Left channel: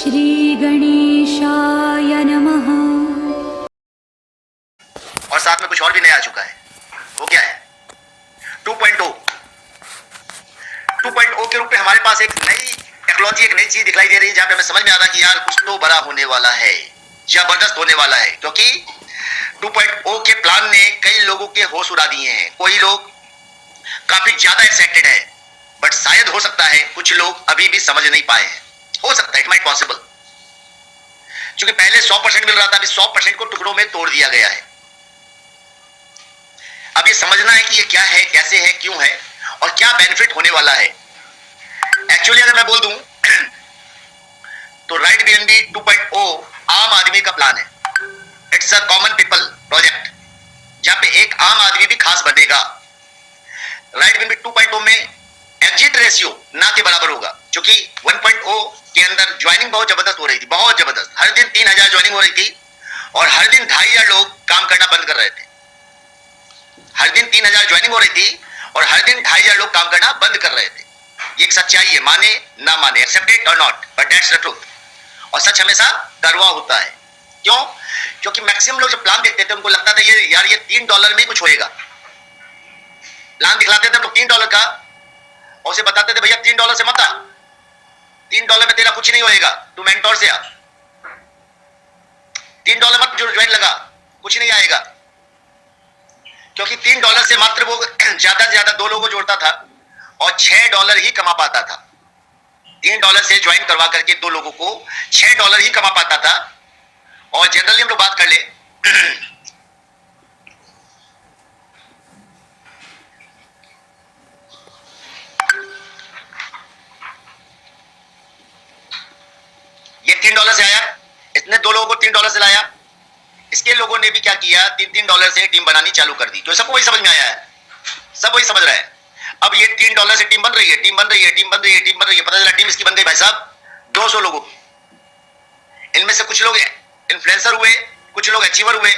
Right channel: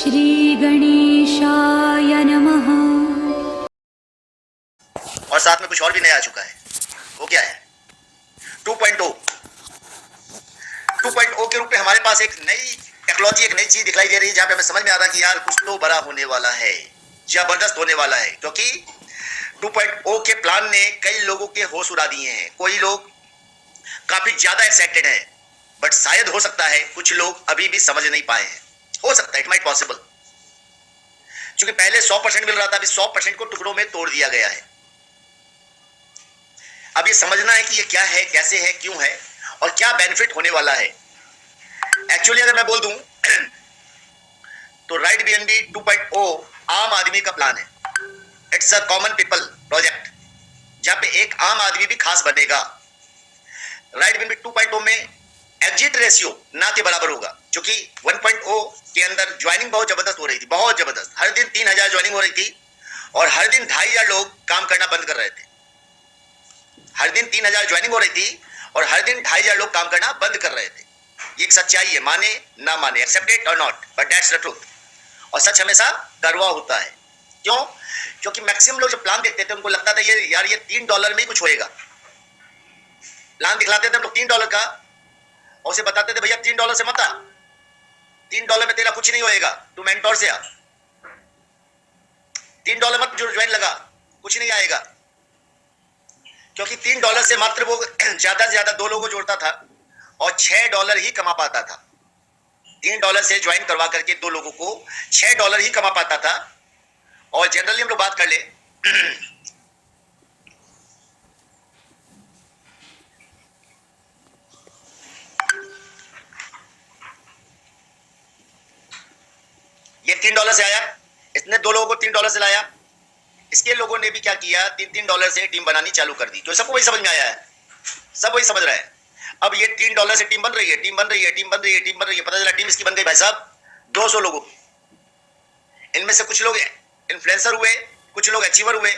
श्री गणेशाय नमः। और साथ में कुछ और भी नया आ चुका है। वो क्या है? 2.0 के रूप में हमारे पास एक नई टेक्नोलॉजी, एक नई चीज दिखाई दे रही है, जहां पे हमें समझ में आ रहा है कि यार कुछ तो बड़ा होने वाला है, जबरदस्त होने वाला है। क्योंकि 2.0 के प्लान ने कई लोगों के होश उड़ा दिए हैं। कोई लोग काफी ज्यादा एक्साइटेड है, बट शायद हो सकता है कुछ लोग अभी भी समझ नहीं पाए हैं। हो सकता है, इट माइट पॉसिबल। क्योंकि पहले 100% मिल रहा था, अभी 100% को टुकड़ों में तोड़ दिया गया है। अब ये समझना है कि ये क्या है, कैसे है, क्यों है और क्या बेनिफिट होने वाला है। एक्चुअली अगर मैं बोल दूं तो राइट बीएनबी 2.0 आम आदमी का प्लान है। It's a common people project, जहां पे एक आम आदमी भी खास बनेगा। राइट बीएनबी 2.0 में एग्जिट रेशियो ना के बराबर होगा, क्योंकि 1.0 के अंदर ज्वाइनिंग बहुत जबरदस्त हो रही थी, बहुत जबरदस्त। हर दिन 3000 ज्वाइनिंग हो रही थी और हर दिन 2500 लोग काम करना बंद कर रहे थे। हर दिन 3000 ज्वाइनिंग हो रही थी और हर दिन 2500 लोग काम करना बंद कर रहे थे। ये एक सच्चाई है, माने ना माने, एक्सेप्ट इट और not, but that's the truth. और सच हमेशा कड़वा होता है। क्यों? क्योंकि मैक्सिमम लोग जब प्लान देखते थे उनको लगता था ये यार ये $3 में कुछ होएगा। प्लान दिखलाते थे तो $3 का, और उसे बताते थे भैया $3 से मत आ, $3 में तेरा कुछ नहीं होएगा, तू मेंटोर से आ, $3 मत जो ज्वाइन लगा, कुछ नहीं आएगा। क्योंकि $3 से मात्र वो ज्यादा से ज्यादा 2 लोगों को जोड़ता था और $6 ही कमा पाता था। $3 से ज्वाइन करवा करके 2 लोगों को $6 ही कमा पाता था। और जनरली हम लोग बात कर ले ये $3 से आया, इसने 2 लोगों को $3 से लाया। इसके लोगों ने भी क्या किया, $3 से टीम बनानी चालू कर दी। जो सबको वही समझ में आया है, सब वही समझ रहे हैं। अब ये $3 से टीम बन रही है, टीम बन रही है, टीम बन रही है, टीम बन रही है। पता चला टीम इसकी बन गई भाई साहब 200 लोगों की। इनमें से कुछ लोग इन्फ्लुएंसर हुए, कुछ लोग अचीवर हुए।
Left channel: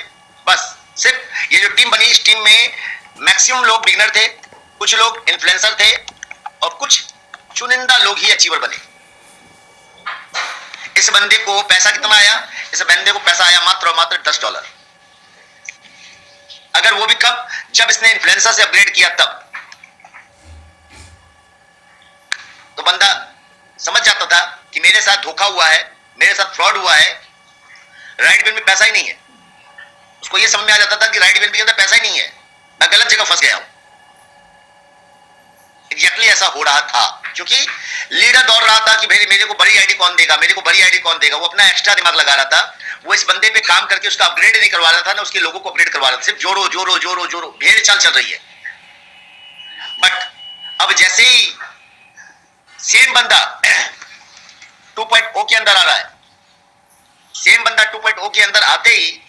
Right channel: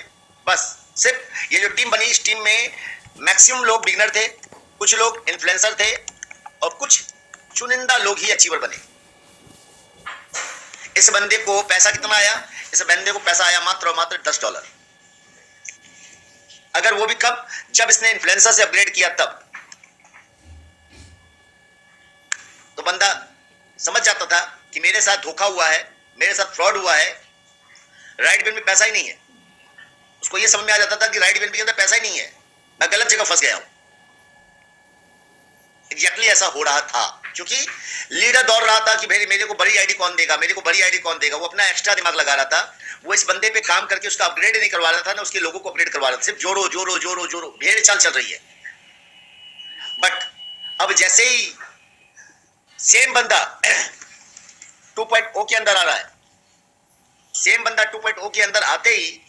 बस सिर्फ ये जो टीम बनी, इस टीम में मैक्सिमम लोग बिगिनर थे, कुछ लोग इन्फ्लुएंसर थे और कुछ चुनिंदा लोग ही अचीवर बने। इस बंदे को पैसा कितना आया? इस बंदे को पैसा आया मात्र और मात्र $10। अगर वो भी कब? जब इसने इन्फ्लुएंसर से अपग्रेड किया तब। तो बंदा समझ जाता था कि मेरे साथ धोखा हुआ है, मेरे साथ फ्रॉड हुआ है, राइट वेल में पैसा ही नहीं है। उसको ये समझ में आ जाता था कि राइट वेल के अंदर पैसा ही नहीं है, मैं गलत जगह फंस गया हूं। एग्जैक्टली ऐसा हो रहा था, क्योंकि लीडर दौड़ रहा था कि भाई मेरे को बड़ी आईडी कौन देगा, मेरे को बड़ी आईडी कौन देगा। वो अपना एक्स्ट्रा दिमाग लगा रहा था। वो इस बंदे पे काम करके उसका अपग्रेड नहीं करवा रहा था ना उसके लोगों को अपग्रेड करवा रहा था। सिर्फ जोड़ो जोड़ो जोड़ो जोड़ो, भेड़ चाल चल रही है। बट अब जैसे ही सेम बंदा 2.0 के अंदर आ रहा है, सेम बंदा 2.0 के अंदर आते ही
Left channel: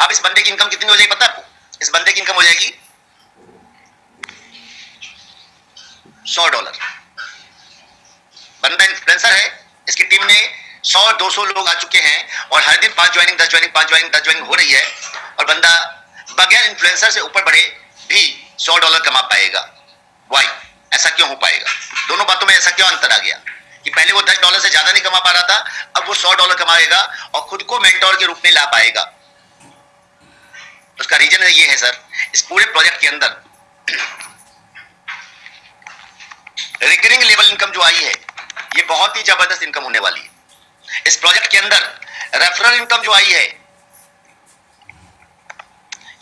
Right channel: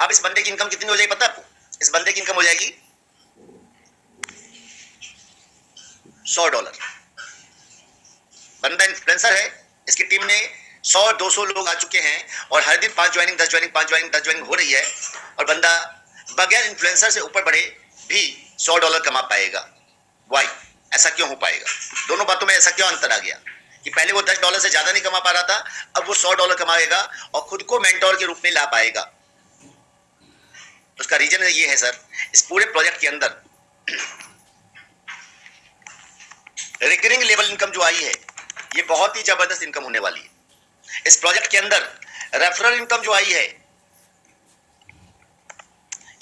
अब इस बंदे की इनकम कितनी हो जाएगी पता है आपको? इस बंदे की इनकम हो जाएगी $100। बंदा इन्फ्लुएंसर है, इसकी टीम में 100-200 लोग आ चुके हैं और हर दिन 5 ज्वाइनिंग 10 ज्वाइनिंग 5 ज्वाइनिंग 10 ज्वाइनिंग हो रही है। और बंदा बगैर इन्फ्लुएंसर से ऊपर बढ़े भी $100 कमा पाएगा। वाई? ऐसा क्यों हो पाएगा? दोनों बातों में ऐसा क्यों अंतर आ गया कि पहले वो $10 से ज्यादा नहीं कमा पा रहा था, अब वो $100 कमाएगा और खुद को मेंटोर के रूप में ला पाएगा। उसका रीजन ये है सर, इस पूरे प्रोजेक्ट के अंदर रिकरिंग लेवल इनकम जो आई है, ये बहुत ही जबरदस्त इनकम होने वाली है। इस प्रोजेक्ट के अंदर रेफरल इनकम जो आई है,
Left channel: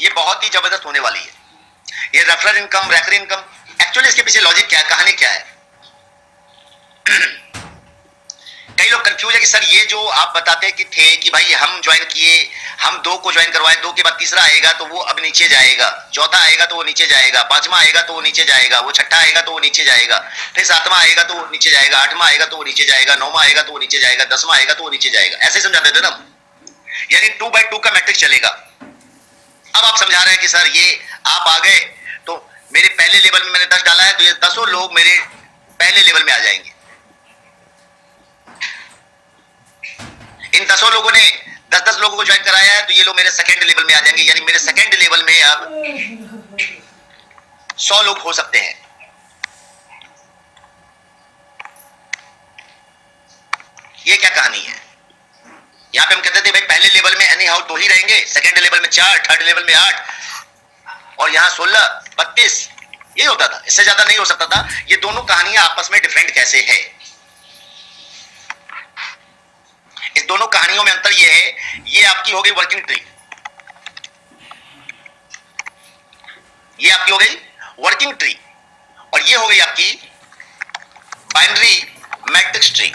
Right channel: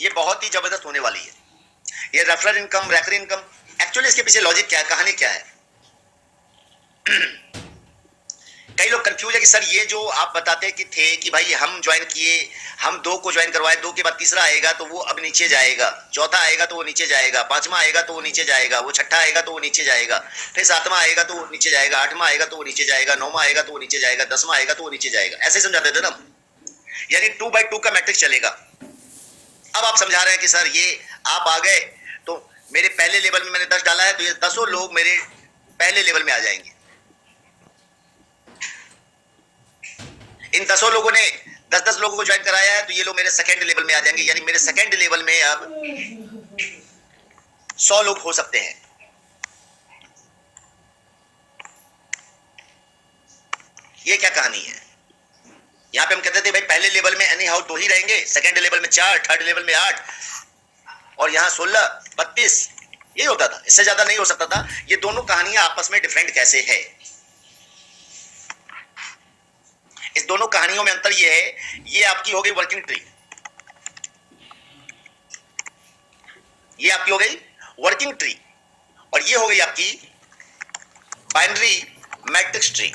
ये बहुत ही जबरदस्त होने वाली है। ये referral income, recurring income, actually इसके पीछे लॉजिक क्या है, कहानी क्या है? कई लोग कंफ्यूज है कि सर ये जो आप बताते कि थे कि भाई हम ज्वाइन किए, हम 2 को ज्वाइन करवाए, 2 के बाद तीसरा आएगा तो वो अब नीचे जाएगा, चौथा आएगा तो वो नीचे जाएगा, 5वां आएगा तो वो नीचे जाएगा, वो 6ठा आएगा तो वो नीचे जाएगा, फिर 7वां आएगा तो वो नीचे जाएगा, 8वां आएगा तो वो नीचे जाएगा, 9वां आएगा तो वो नीचे जाएगा, 10वां आएगा तो वो नीचे जाएगा। ऐसे समझाते थे ना, यानी 2/2 का मैट्रिक्स चलेगा। अब आप समझा रहे हैं कि सर ये आप आ गए तो मेरे पहले लेवल में मैंने 10 डाला है तो ये 10 लोग मेरे पहले लेवल में आ जाएंगे। इन 10 लोगों ने 10-10 लोगों को ज्वाइन कराया है तो ये लोग मेरे सेकंड लेवल में आ जाएंगे, यानी मेरे सेकंड लेवल में अब 100 लोग हो सकते हैं। ये क्या कहानी है? यहाँ पे हम कहते थे भाई पहले लेवल में एनी हाउ 2 ही रहेंगे, सेकेंड लेवल में 4, थर्ड लेवल में 8 और यहाँ 16, 32, ये होता था, इससे ज्यादा नहीं हो सकता था। ये दोनों कहानियां आपस में डिफरेंट कैसे है? इस दोनों कहानियों में अंतर ये है, ये आपकी हो गई वर्किंग ट्री, ये आपकी हो गई वर्किंग ट्री, और ये हो गई आपकी बाइनरी मैट्रिक्स ट्री।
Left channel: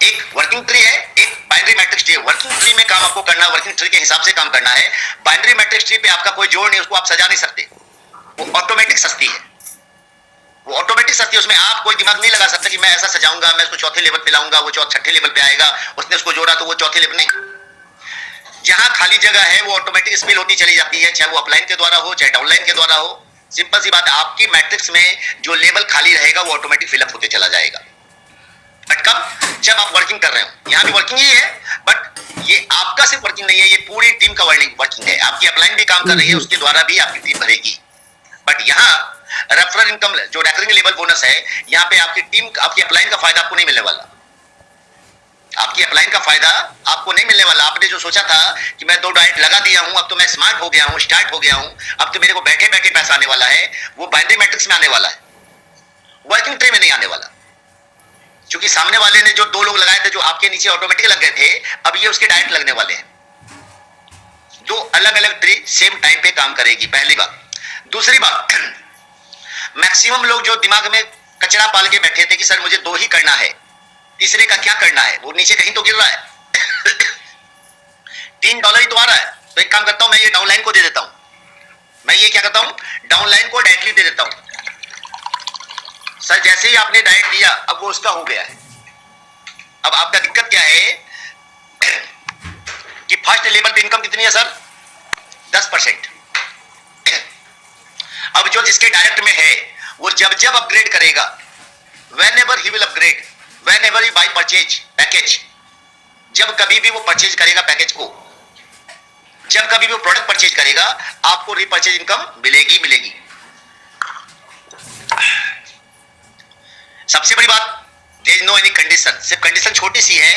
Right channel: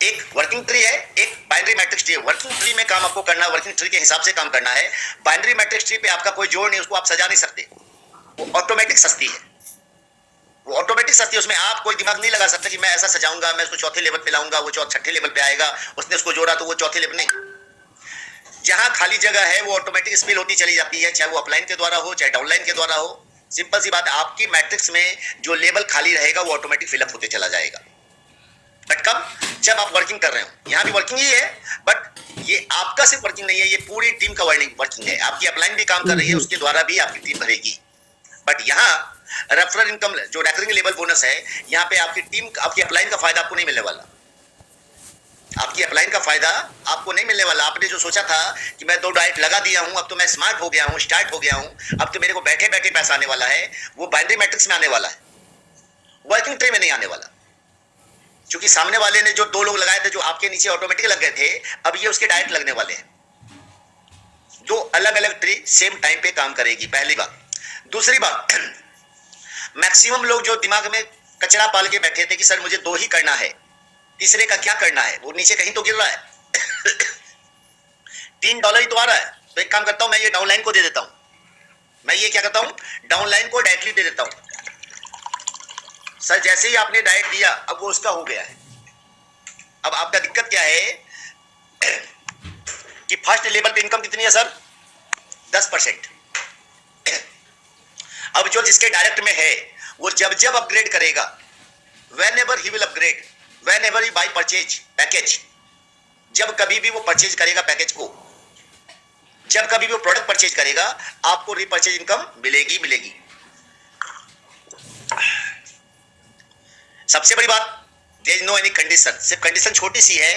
एक वर्किंग ट्री है, एक बाइनरी मैट्रिक्स ट्री है। वर्किंग ट्री में काम आपको करना है, वर्किंग ट्री के हिसाब से काम करना है। बाइनरी मैट्रिक्स ट्री पे आपका कोई जोड़ नहीं, उसको आप सजा नहीं सकते, वो ऑटोमेटिक सस्ती है, वो ऑटोमेटिक सस्ती है। उसमें आप कोई दिमाग नहीं लगा सकते कि मैं ऐसा सजाऊंगा, मैं उसको चौथे लेवल पे लाऊंगा, वो छठे लेवल पे आएगा, उसने उसको जोड़ा तो वो चौथे लेवल नहीं। जहां खाली जगह है वो ऑटोमेटिक स्पिल होती चली जाती है, चाहे वो अपलाइन के द्वारा हो चाहे डाउनलाइन के द्वारा हो। सिंपल सी बात है, आपकी मैट्रिक्स में जो लेवल खाली रहेगा वो ऑटोमेटिक फिलअप होते चला जाएगा। बट कब? जब आप वर्किंग कर रहे हो। यहां भी वर्किंग ही है, बट ये आपका सिर्फ वर्किंग नहीं है, ये पूरी टीम का वर्किंग है। आपकी अपलाइन भी काम कर रही है, उसके द्वारा भी आपकी टीम भरेगी। बट यहाँ रेफरल इनकम जो रेकरिंग लेवल बोनस है, यहाँ पे आपकी टीम, आपकी अपलाइन का फायदा आपको नहीं मिलने वाला। आपकी अपलाइन का फायदा आपको नहीं मिलने वाला। आपने जो सोचा था कि मैं 2 डाइट लगा दिया हूं, अब तो मैं स्मार्ट हो गया हूं, स्टार्ट हो गया हूं, अब तो मेरे को बैठे बैठे पैसा आने वाला है, वो बाइनरी मैट्रिक्स में आने वाला है, वर्किंग ट्री में नहीं आने वाला। क्योंकि सामने वाले ने जो 2 लोग लगाए थे जो आपके नीचे ऑटोमेटिक लग गए थे, अब ये उसके डाइट लगने वाले हैं। 2 अलग अलग ट्री सेम टाइम पे काम करेगी, पहली बात। दूसरी बात, मैक्सिमम लोग जो दिमाग में कचरा पाल के बैठे थे कि सर मुझे 2 ही करना है, तीसरे का क्या करना है, वो नीचे कहीं तो गिर रहा है। $3 ही तो आ रहा है, तो एक काम करता हूं, मैं ये डाउनलाइन को दे देता हूं, मैं ये क्या करता हूं, डाउनलाइन को डायरेक्टली दे देता हूं। सर जैसे ही आपने डाइट दिया, अब वो उसका हो गया है। अब आपका दिक्कत क्या है कि फर्स्ट लेवल पे इनकम कितनी है सर? 10%। अब जो जिसके डायरेक्ट में है, वो जब जब अपग्रेड करेगा, whenever he will upgrade, whenever he buy purchase package, जब कभी भी वो परचेज करेगा पैकेज को, जब कभी भी वो प्रोडक्ट परचेज करेगा, आपको रीपरचेज इनकम मिलेगी मिलेगी। सबसे बड़ी बात, there is no any condition, सिर्फ कंडीशन छोटी सी है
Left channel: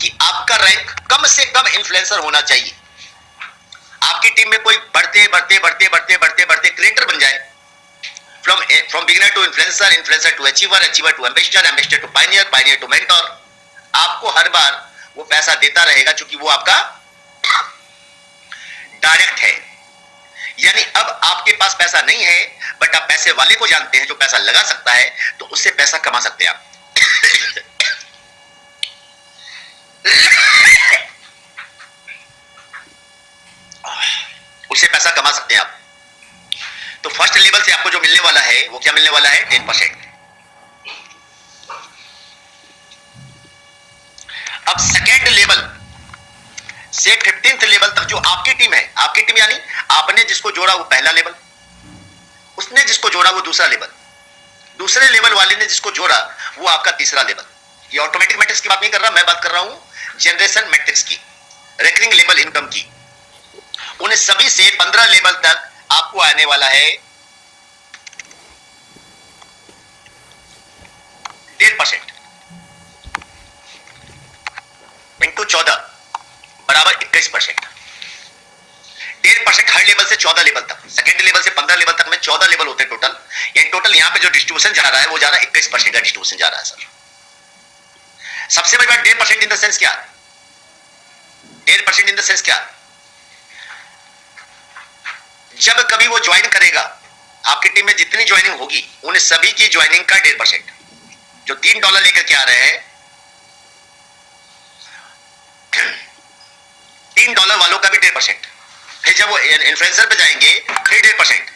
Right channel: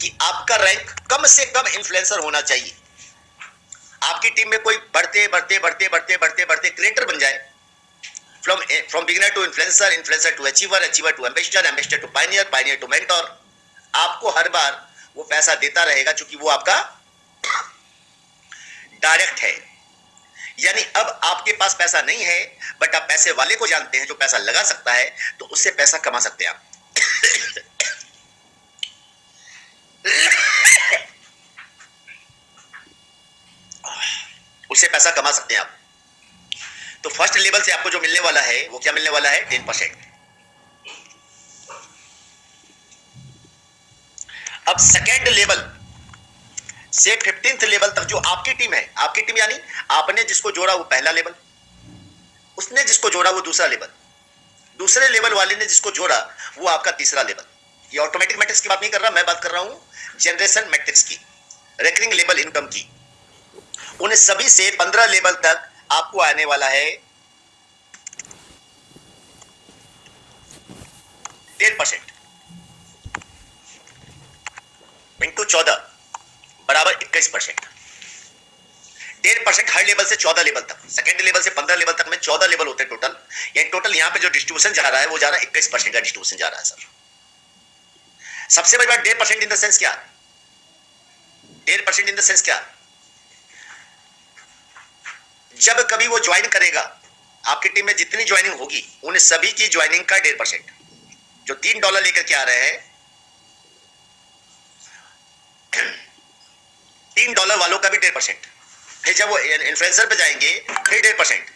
कि आपका रैंक कम से कम इन्फ्लुएंसर होना चाहिए। आपकी टीम में कोई बढ़ते बढ़ते बढ़ते बढ़ते बढ़ते बढ़ते क्रिएटर बन जाए, from beginner to influencer, influencer to achiever, achiever to ambassador, ambassador to pioneer, pioneer to mentor. आपको हर बार वो पैसा देता रहेगा, क्योंकि वो आपका डायरेक्ट है। यानी अब आपके पास पैसा नहीं है, बट आप पैसे वाले को जानते हैं जो पैसा लगा सकता है, तो उससे पैसा कमा सकते हैं आप। उससे पैसा कमा सकते हैं आप। तो फर्स्ट लेवल से आपको जो मिलने वाला है, वो क्या मिलने वाला है? 10%। अब सेकेंड लेवल से 15th लेवल तक जो आपकी टीम है, आपकी टीम यानी आपने जिसको जोड़ा वो पहला लेवल, उसने जिसको जोड़ा वो दूसरा लेवल, दूसरे लेवल वाले ने जिसको जोड़ा वो आपका तीसरा लेवल। ये ऑटोमेटिक मैट्रिक्स की बात नहीं कर रहा, मैं बात कर रहा हूं जनरेशन मैट्रिक्स की, रेकरिंग लेवल इनकम की। उन सभी से 15 लेवल तक आपको आने वाला है 1.5% इंटू 14 बराबर 21%। 1.5% हर लेवल से 14 लेवल तक, सेकेंड लेवल से 15 लेवल तक में 14 लेवल होते हैं टोटल। ये टोटल यहाँ पे जो डिस्ट्रीब्यूशन जा रहा है वो जा रहा है 21% का डिस्ट्रीब्यूशन जा रहा है सर। सबसे बड़ी बात 1.5% इन द सेंस क्या? 1.5% इन द सेंस क्या? जब कभी वो ज्वाइन करेगा, आपकी टीम में जितनी ज्वाइनिंग होगी उन सभी की ज्वाइनिंग का 1.5%, जो $3 लेकर के आ रहे हैं, $3 वालों का भी 1.5%। फिर जब वो इन्फ्लुएंसर पे जाएंगे फिर 1.5%,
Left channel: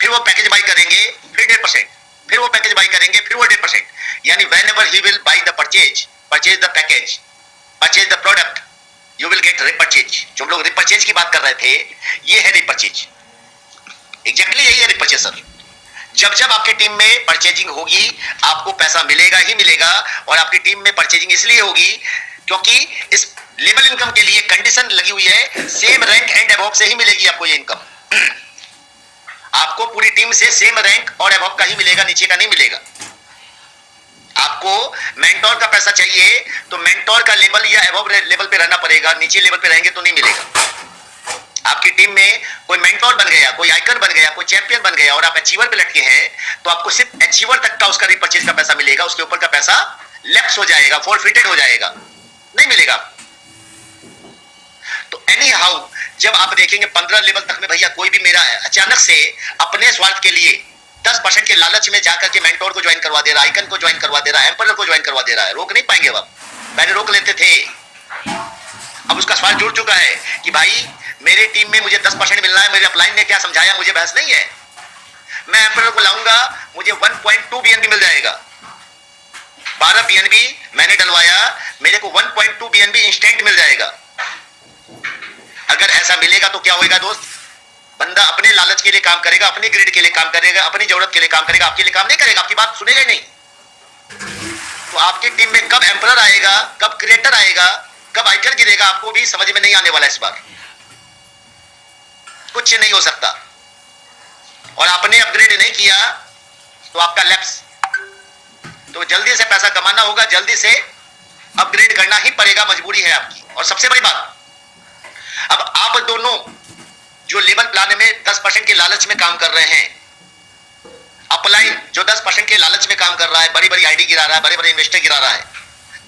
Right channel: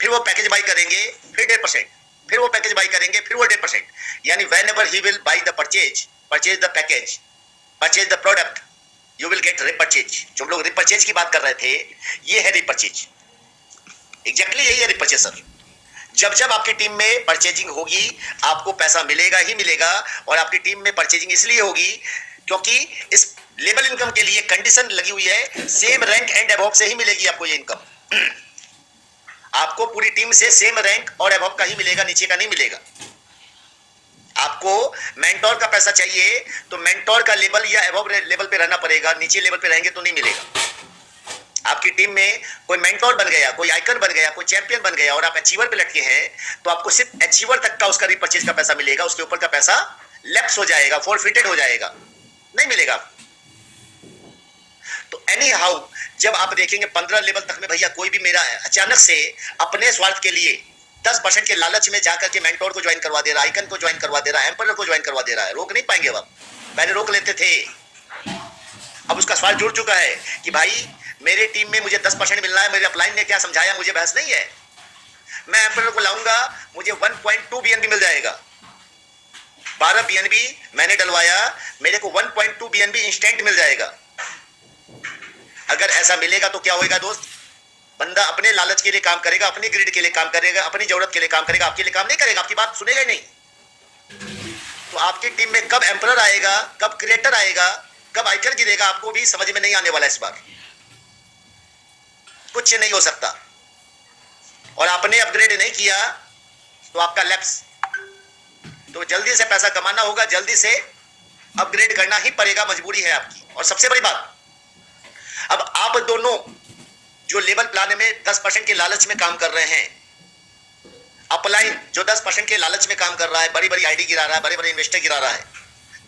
फिर वो पैकेज बाई करेंगे फिर 1.5%, फिर वो पैकेज बाई करेंगे फिर वो 1.5%। यानी whenever he will buy the purchase the package, purchase the product, you will get repurchase। जो हम लोग repurchase की बात कर रहे थे, ये है repurchase, एग्जैक्टली यही है repurchase सर। जब जब आपकी टीम में परचेजिंग होगी आपको पैसा मिलेगा ही मिलेगा। और आपकी टीम में परचेजिंग इसलिए होगी क्योंकि इस लेवल इनकम के लिए कंडीशन लगी हुई है, सेम रैंक एंड अबव से ही मिलेगी आपको ये इनकम। आपको पूरी टीम से सेम रैंक और अबव का ही मिलेगा, नीचे का नहीं मिलेगा। आपको मेंटोर का पैसा चाहिए तो मेंटोर का लेवल या एबव लेवल पे रहना पड़ेगा, नीचे लेवल पे रहेंगे तो नहीं मिलेगा। आपकी टीम में कोई मेंटोर बन गया, कोई आइकन बन गया, कोई चैंपियन बन गया और आप अचीवर पे लटके हैं तो आपको सिर्फ अचीवर तक का उसका रिपर्चेज का पैसा मिलेगा, उसके ऊपर का पैसा लेफ्ट हो जाएगा, फॉरफिटेड हो जाएगा, नहीं मिलेगा। तो एनी हाउ जब आप देखेंगे 15 लेवल तक में भैया कोई भी मेरा अचानक से अपने स्वार्थ के लिए 10% के लालच में जाकर के मेंटोर को ज्वाइन करवा दे रहा है, आइकन को ज्वाइन करवा दे रहा है, एम्परर को ज्वाइन करवा दे रहा है, रोक नहीं पाएंगे आप। पहले रोक लेते थे, अब उसका स्वार्थ जुड़ चुका है कि भाई मेरे टीम में मुझे 10% मिलना है, मेरे अपलाइन ने क्या समझाया मुझे बहस नहीं है, मैं एम्परर को लाऊंगा मुझे 1.2 बीएनबी मिल जाएगा। 12 बीएनबी मैंने डलवाया, मेरे को 1.2 बीएनबी इंस्टेंट मिल जाएगा। अगर ऐसा मिलेगा तो क्या होएगा दोस्त, बंदा अपने लालच के लिए काम करेगा, अपने ग्रिड के लिए काम करेगा, अपनी जरूरत के लिए काम करेगा, आपके लिए काम नहीं करेगा, आपकी बात सुनेगा नहीं। तो आपकी टीम में कब एम्परर आएगा, कब क्रिएटर आएगा, कब आइकन गिरेगा, आपको भी समझ में नहीं आने वाला इस बार। कुछ नहीं हो सकता। और आपने अपग्रेड नहीं किया तो आपका लैप्स, तो जल्दी से पैसा कमाना होगा, जल्दी से अपग्रेड करना ही पड़ेगा, मजबूरी है आपकी। और सबसे बड़ी बात, अब आप दोनों जो लेवल प्लान में 10% के लालच में काम कर रहे हैं, अपलाइन जो 10% के लालच में काम कर रहा है, बड़ी बड़ी आईडी गिरा रहा है, बड़े बड़े इन्वेस्टर गिरा रहा है,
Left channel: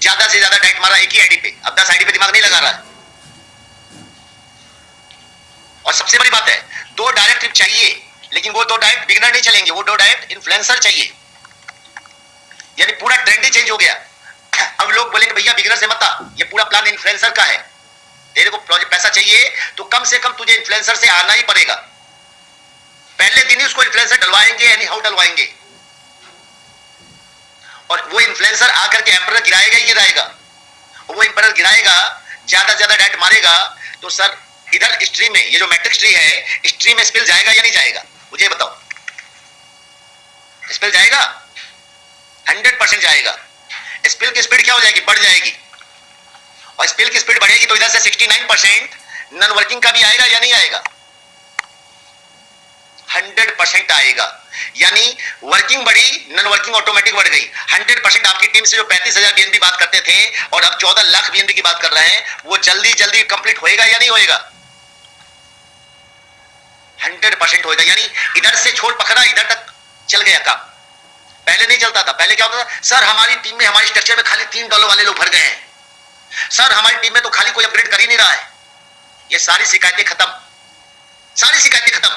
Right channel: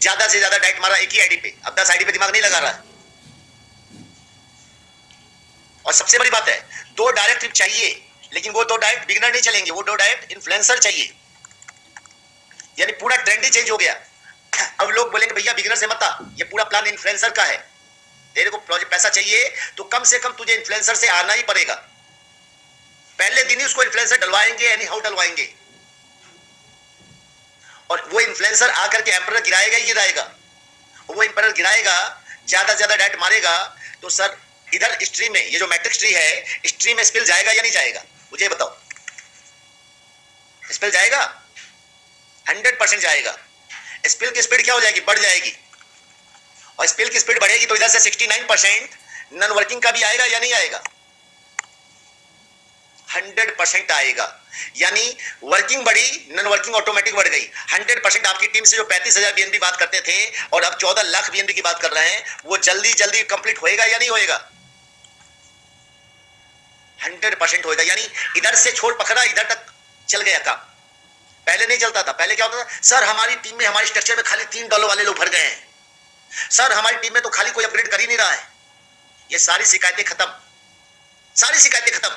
ज्यादा से ज्यादा डायरेक्ट मारा एक ही आईडी पे, अब 10 आईडी पे दिमाग नहीं लगा रहा है। और सबसे बड़ी बात है, 2 डायरेक्ट ट्रिप चाहिए, लेकिन वो 2 डायरेक्ट बिगनर नहीं चलेंगे, वो 2 डायरेक्ट इन्फ्लुएंसर चाहिए। यानी पूरा ट्रेंड ही चेंज हो गया। अब लोग बोलेंगे भैया बिगनर से मत आ, ये पूरा प्लान इन्फ्लुएंसर का है, तेरे को प्रोजेक्ट पैसा चाहिए तो कम से कम तुझे इन्फ्लुएंसर से आना ही पड़ेगा। पहले दिन ही उसको इन्फ्लुएंसर डलवाएंगे, एनी हाउ डलवाएंगे, और वो इन्फ्लुएंसर आकर के एम्परर गिराएगा ही गिराएगा। वो एम्परर गिराएगा, ज्यादा ज्यादा डायरेक्ट मारेगा, तो सर इधर स्ट्रीम में, ये जो मैट्रिक्स ट्री है, स्ट्रीम में स्पिल जाएगा या नहीं जाएगा, मुझे बताओ। स्पिल जाएगा, 100% जाएगा। स्पिल की स्पीड क्या हो जाएगी, बढ़ जाएगी, और स्पिल की स्पीड बढ़ेगी तो इधर से 69% नॉन वर्किंग का भी आएगा या नहीं आएगा, 100% आएगा। यानी वर्किंग बढ़ी, नॉन वर्किंग ऑटोमेटिक बढ़ गई। 100% आपकी टीम से जो 35,000 बीएनबी बात करते थे और अब 14 लाख बीएनबी की बात कर रहे हैं, वो जल्दी जल्दी कंप्लीट होएगा या नहीं होएगा, 100% होएगा। यानी इधर से छोड़ पकड़ा, इधर तक चल गया काम। पहले नहीं चलता था, पहले क्या होता था, सर हमारी टीम में, हमारी स्ट्रक्चर में खाली $3 वाले लोग भर गए हैं, सर हमारी टीम में तो खाली कोई अपग्रेड कर ही नहीं रहा है। ये सारी शिकायतें खत्म, सारी शिकायतें खत्म।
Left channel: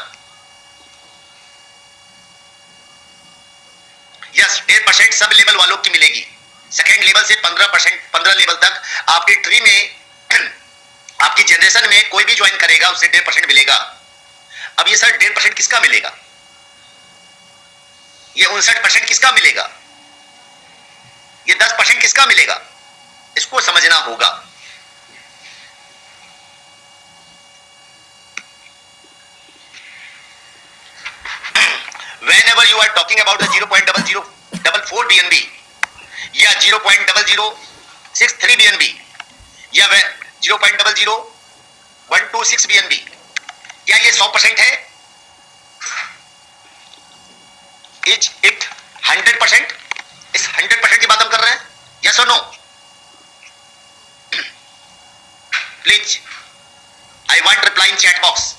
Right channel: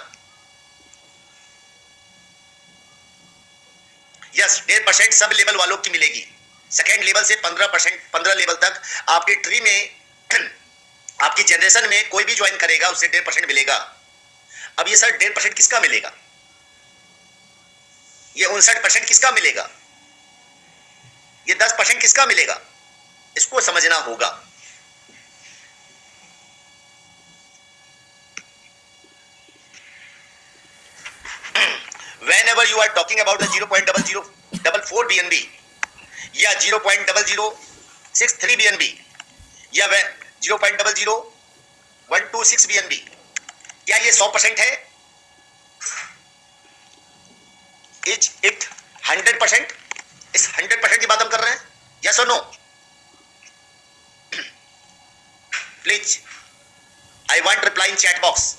यस, 1.5% सब लेवल वालों की मिलेगी। सेकेंड लेवल से 15%, 15 लेवल तक आपके ट्री में आपकी जनरेशन में कोई भी ज्वाइन करेगा उससे 1.5% मिलेगा। अब ये सर 1.5% किसका मिलेगा, ये 59% किसका मिलेगा, ये 10% किसका मिलेगा, इसको समझना होगा। Whenever you are talking about the 0.0044 BNB या 0.0063 BNB या 0.00126 BNB, क्या ये 100% है? Is it 100%? इस 100% की बात हम कर रहे हैं, yes or no? Please, I want reply in chat box.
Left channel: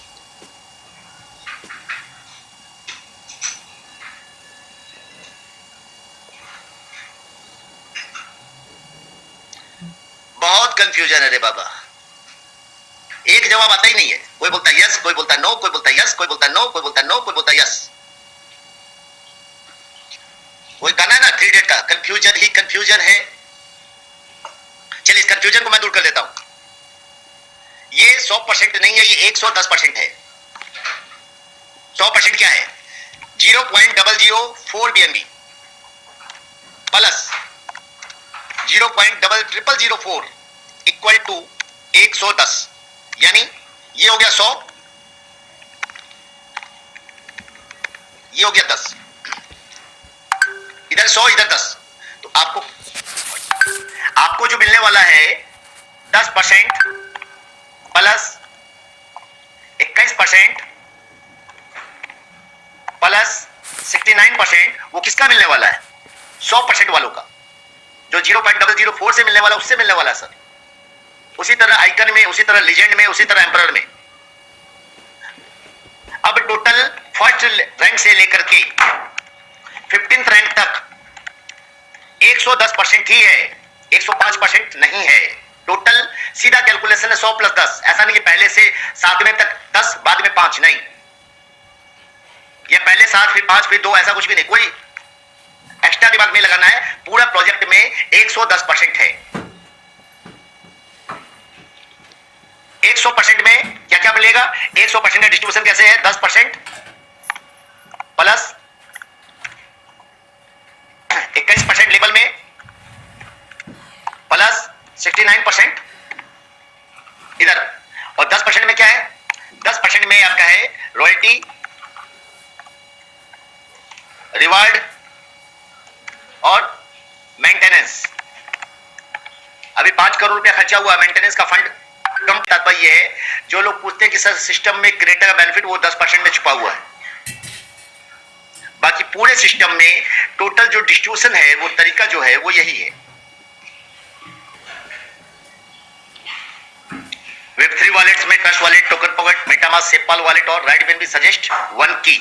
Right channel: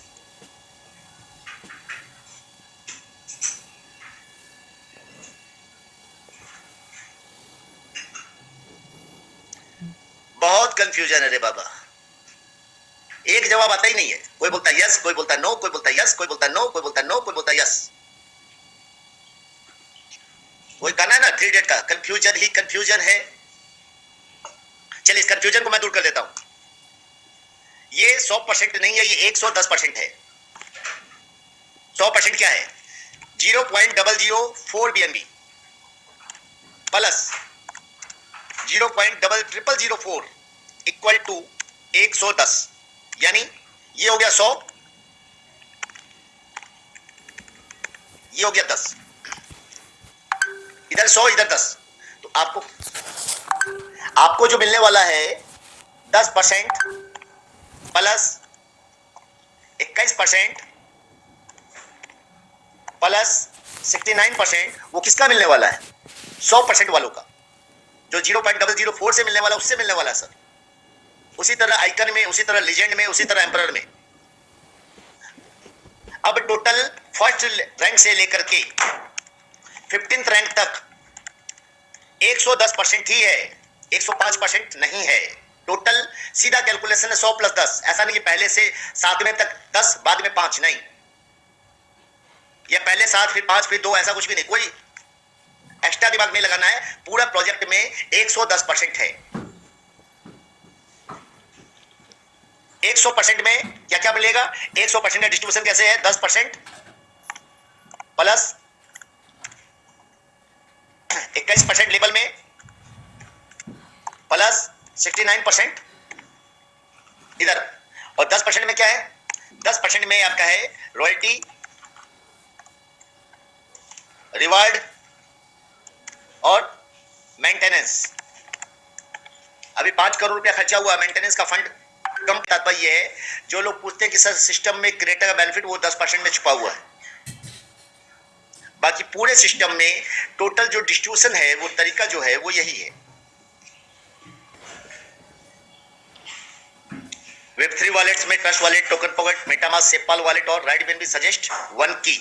बहुत कंफ्यूजन है रे बाबा, एक जवाब आता ही नहीं है। कोई बोलता है यस, कोई बोलता है नो, कोई बोलता है यस, कोई बोलता है नो, कोई बोलता है नो, कोई बोलता है यस। कोई कहना है ना 3 डेट का कंफ्यूजन ही कंफ्यूजन है। चलिए इस कंफ्यूजन को मैं दूर कर देता हूं। ये 100% नहीं है, ये 110% है। 100% क्या है, 0.004 BNB प्लस 0.0004 इक्वल टू 110, यानी ये हो गया 100, ये हो गया 10, इधर 100 इधर 10। तो आपको जो मिलने वाला है 10% प्लस 21% प्लस 69%, वो किसका मिलने वाला है, 100% वालों का। जो 0.004 से मिलने वाला उससे मिलने वाला सर। उसी तरह आइकन में, उसी तरह लीजेंड में, उसी तरह एम्परर में। अब टोटल फर्स्ट रैंक से लेकर के 15th रैंक तक 110% ही है, 105% नहीं है। टोटल सीधा कैलकुलेशन है 100 + 10। ऐसा नहीं कि पहले से 7वें तक 10 बाद में 5, नहीं। ये पहले 7 फिर 5 फिर 2, ऐसा कुछ भी नहीं। कोई एक्स्ट्रा दिमाग नहीं लगाना है। पूरा प्रोजेक्ट में 110% है। 100% में क्या क्या मिलेगा? 100% का डिस्ट्रीब्यूशन कैसे है? 10% प्लस 21% लेवल में प्लस 69% इधर, और 10% में क्या है? 10% में आपका है रॉयल्टी, रिवार्ड और मेंटेनेंस। अभी 5 करोड़ रुपया खर्चा हुआ मेंटेनेंस का फंड। कम तात्पर्य है, जो लोग पूछते हैं कि सर सिस्टम में क्रिएटर का बेनिफिट वो 10% में छुपा हुआ है। बाकी पूरे सिस्टम में टोटल जो डिस्ट्रीब्यूशन है, वो तरीका जो है वो यही है। वेब 3 वॉलेट्स में Trust Wallet, Token Pocket, MetaMask, SafePal wallet और राइट बिन भी सजेस्ट वन की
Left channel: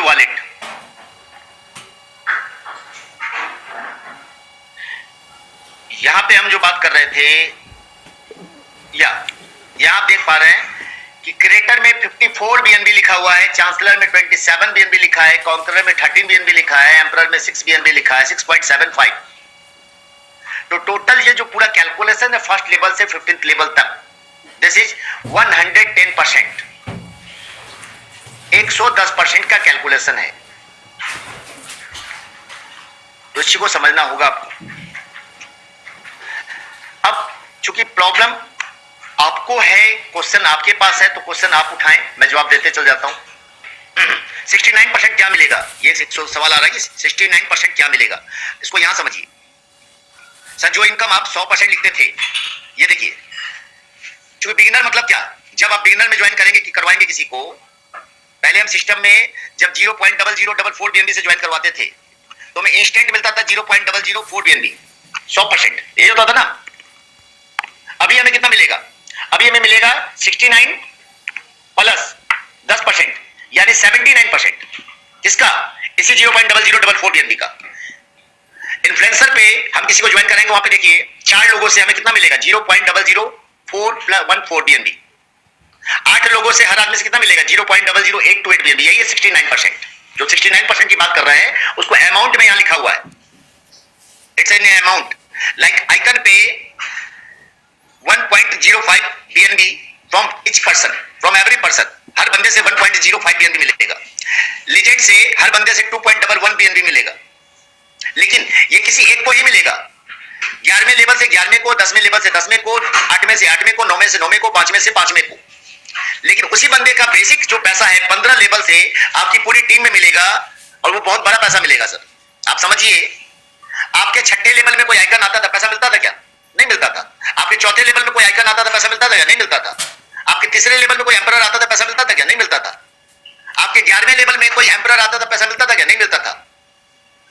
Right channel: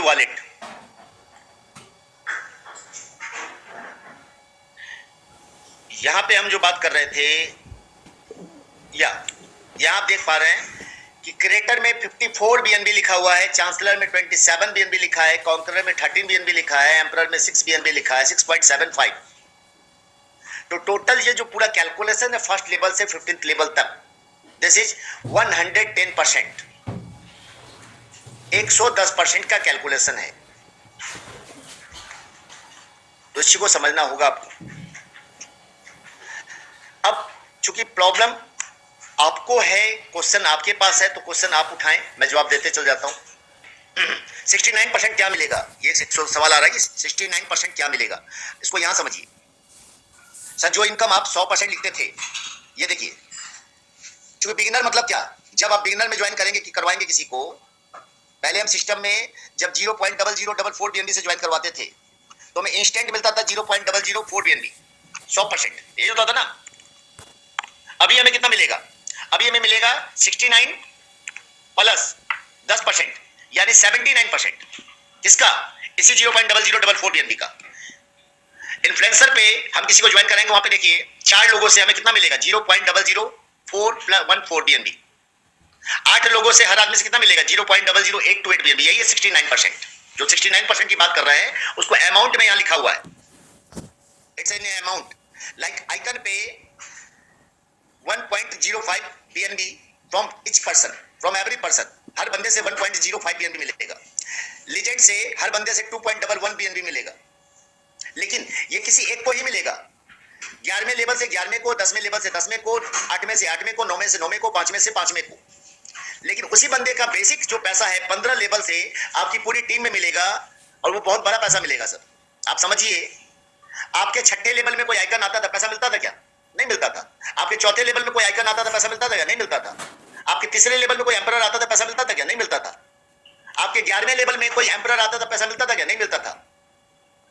वॉलेट। यहां पे हम जो बात कर रहे थे, यहां आप देख पा रहे हैं कि क्रिएटर में 54 बीएनबी लिखा हुआ है, चांसलर में 27 बीएनबी लिखा है, कॉन्करर में 13 बीएनबी लिखा है, एम्परर में 6 बीएनबी लिखा है, 6.75। तो टोटल ये जो पूरा कैलकुलेशन है फर्स्ट लेवल से 15th लेवल तक, दिस इज 110%, 110% का कैलकुलेशन है। तो इसी को समझना होगा आपको। अब चूंकि प्रॉब्लम आपको है, क्वेश्चन आपके पास है, तो क्वेश्चन आप उठाएं, मैं जवाब देते चल जाता हूं। 69% क्या मिलेगा? ये सवाल आ रहा है कि 69% क्या मिलेगा। इसको यहां समझिए सर। जो इनकम आप 100% लिखते थे, ये देखिए, चूंकि बिगिनर मतलब क्या, जब आप बिगिनर में ज्वाइन करेंगे कि करवाएंगे किसी को, पहले हम सिस्टम में जब 0.0044 बीएनबी से ज्वाइन करवाते थे तो हमें इंस्टेंट मिलता था 0.004 बीएनबी, 100%। ये होता था ना। अभी हमें कितना मिलेगा? अभी हमें मिलेगा 69 प्लस 10%, यानी 79%। किसका? इसी 0.0044 बीएनबी का। इन्फ्लुएंसर पे हम किसी को ज्वाइन करेंगे, वहां पे देखिए 4 लोगों से हमें कितना मिलेगा? 0.004 बीएनबी। 8 लोगों से हर आदमी से कितना मिलेगा? 0.00828 बीएनबी। यही है 69%। जो 69% की बात कर रहे हैं उसको अमाउंट में यहां लिखा हुआ है। It's an amount. Like icon पे 1.05 BNB from each person, from every person. हर बंदे से 1.05 बीएनबी मिलेगा। लीजेंड से हर बंदे से 2.11 बीएनबी मिलेगा। लेकिन ये किसी एक को ही मिलेगा। 11वें लेवल से 11वें को, 10वें लेवल से 10वें को, 8वें से 8वें को, 9वें से 9वें को, 5वें से 5वें को। लेकिन उसी बंदे का बेसिक जो पैसा है 15 लेवल से आपकी पूरी टीम में मिलेगा, और वो बहुत बड़ा पैसा मिलेगा सर। आप समझिए, आपके 6ठे लेवल में कोई आइकन आता था, पैसा मिलता था क्या? नहीं मिलता था। आपके 4थे लेवल में कोई आइकन आता था, पैसा मिलता था क्या? नहीं मिलता था। आपके 3रे लेवल में कोई एम्परर आता था, पैसा मिलता था क्या? नहीं मिलता था। आपके 11वें लेवल में कोई एम्परर आता था, पैसा मिलता था क्या? नहीं मिलता था।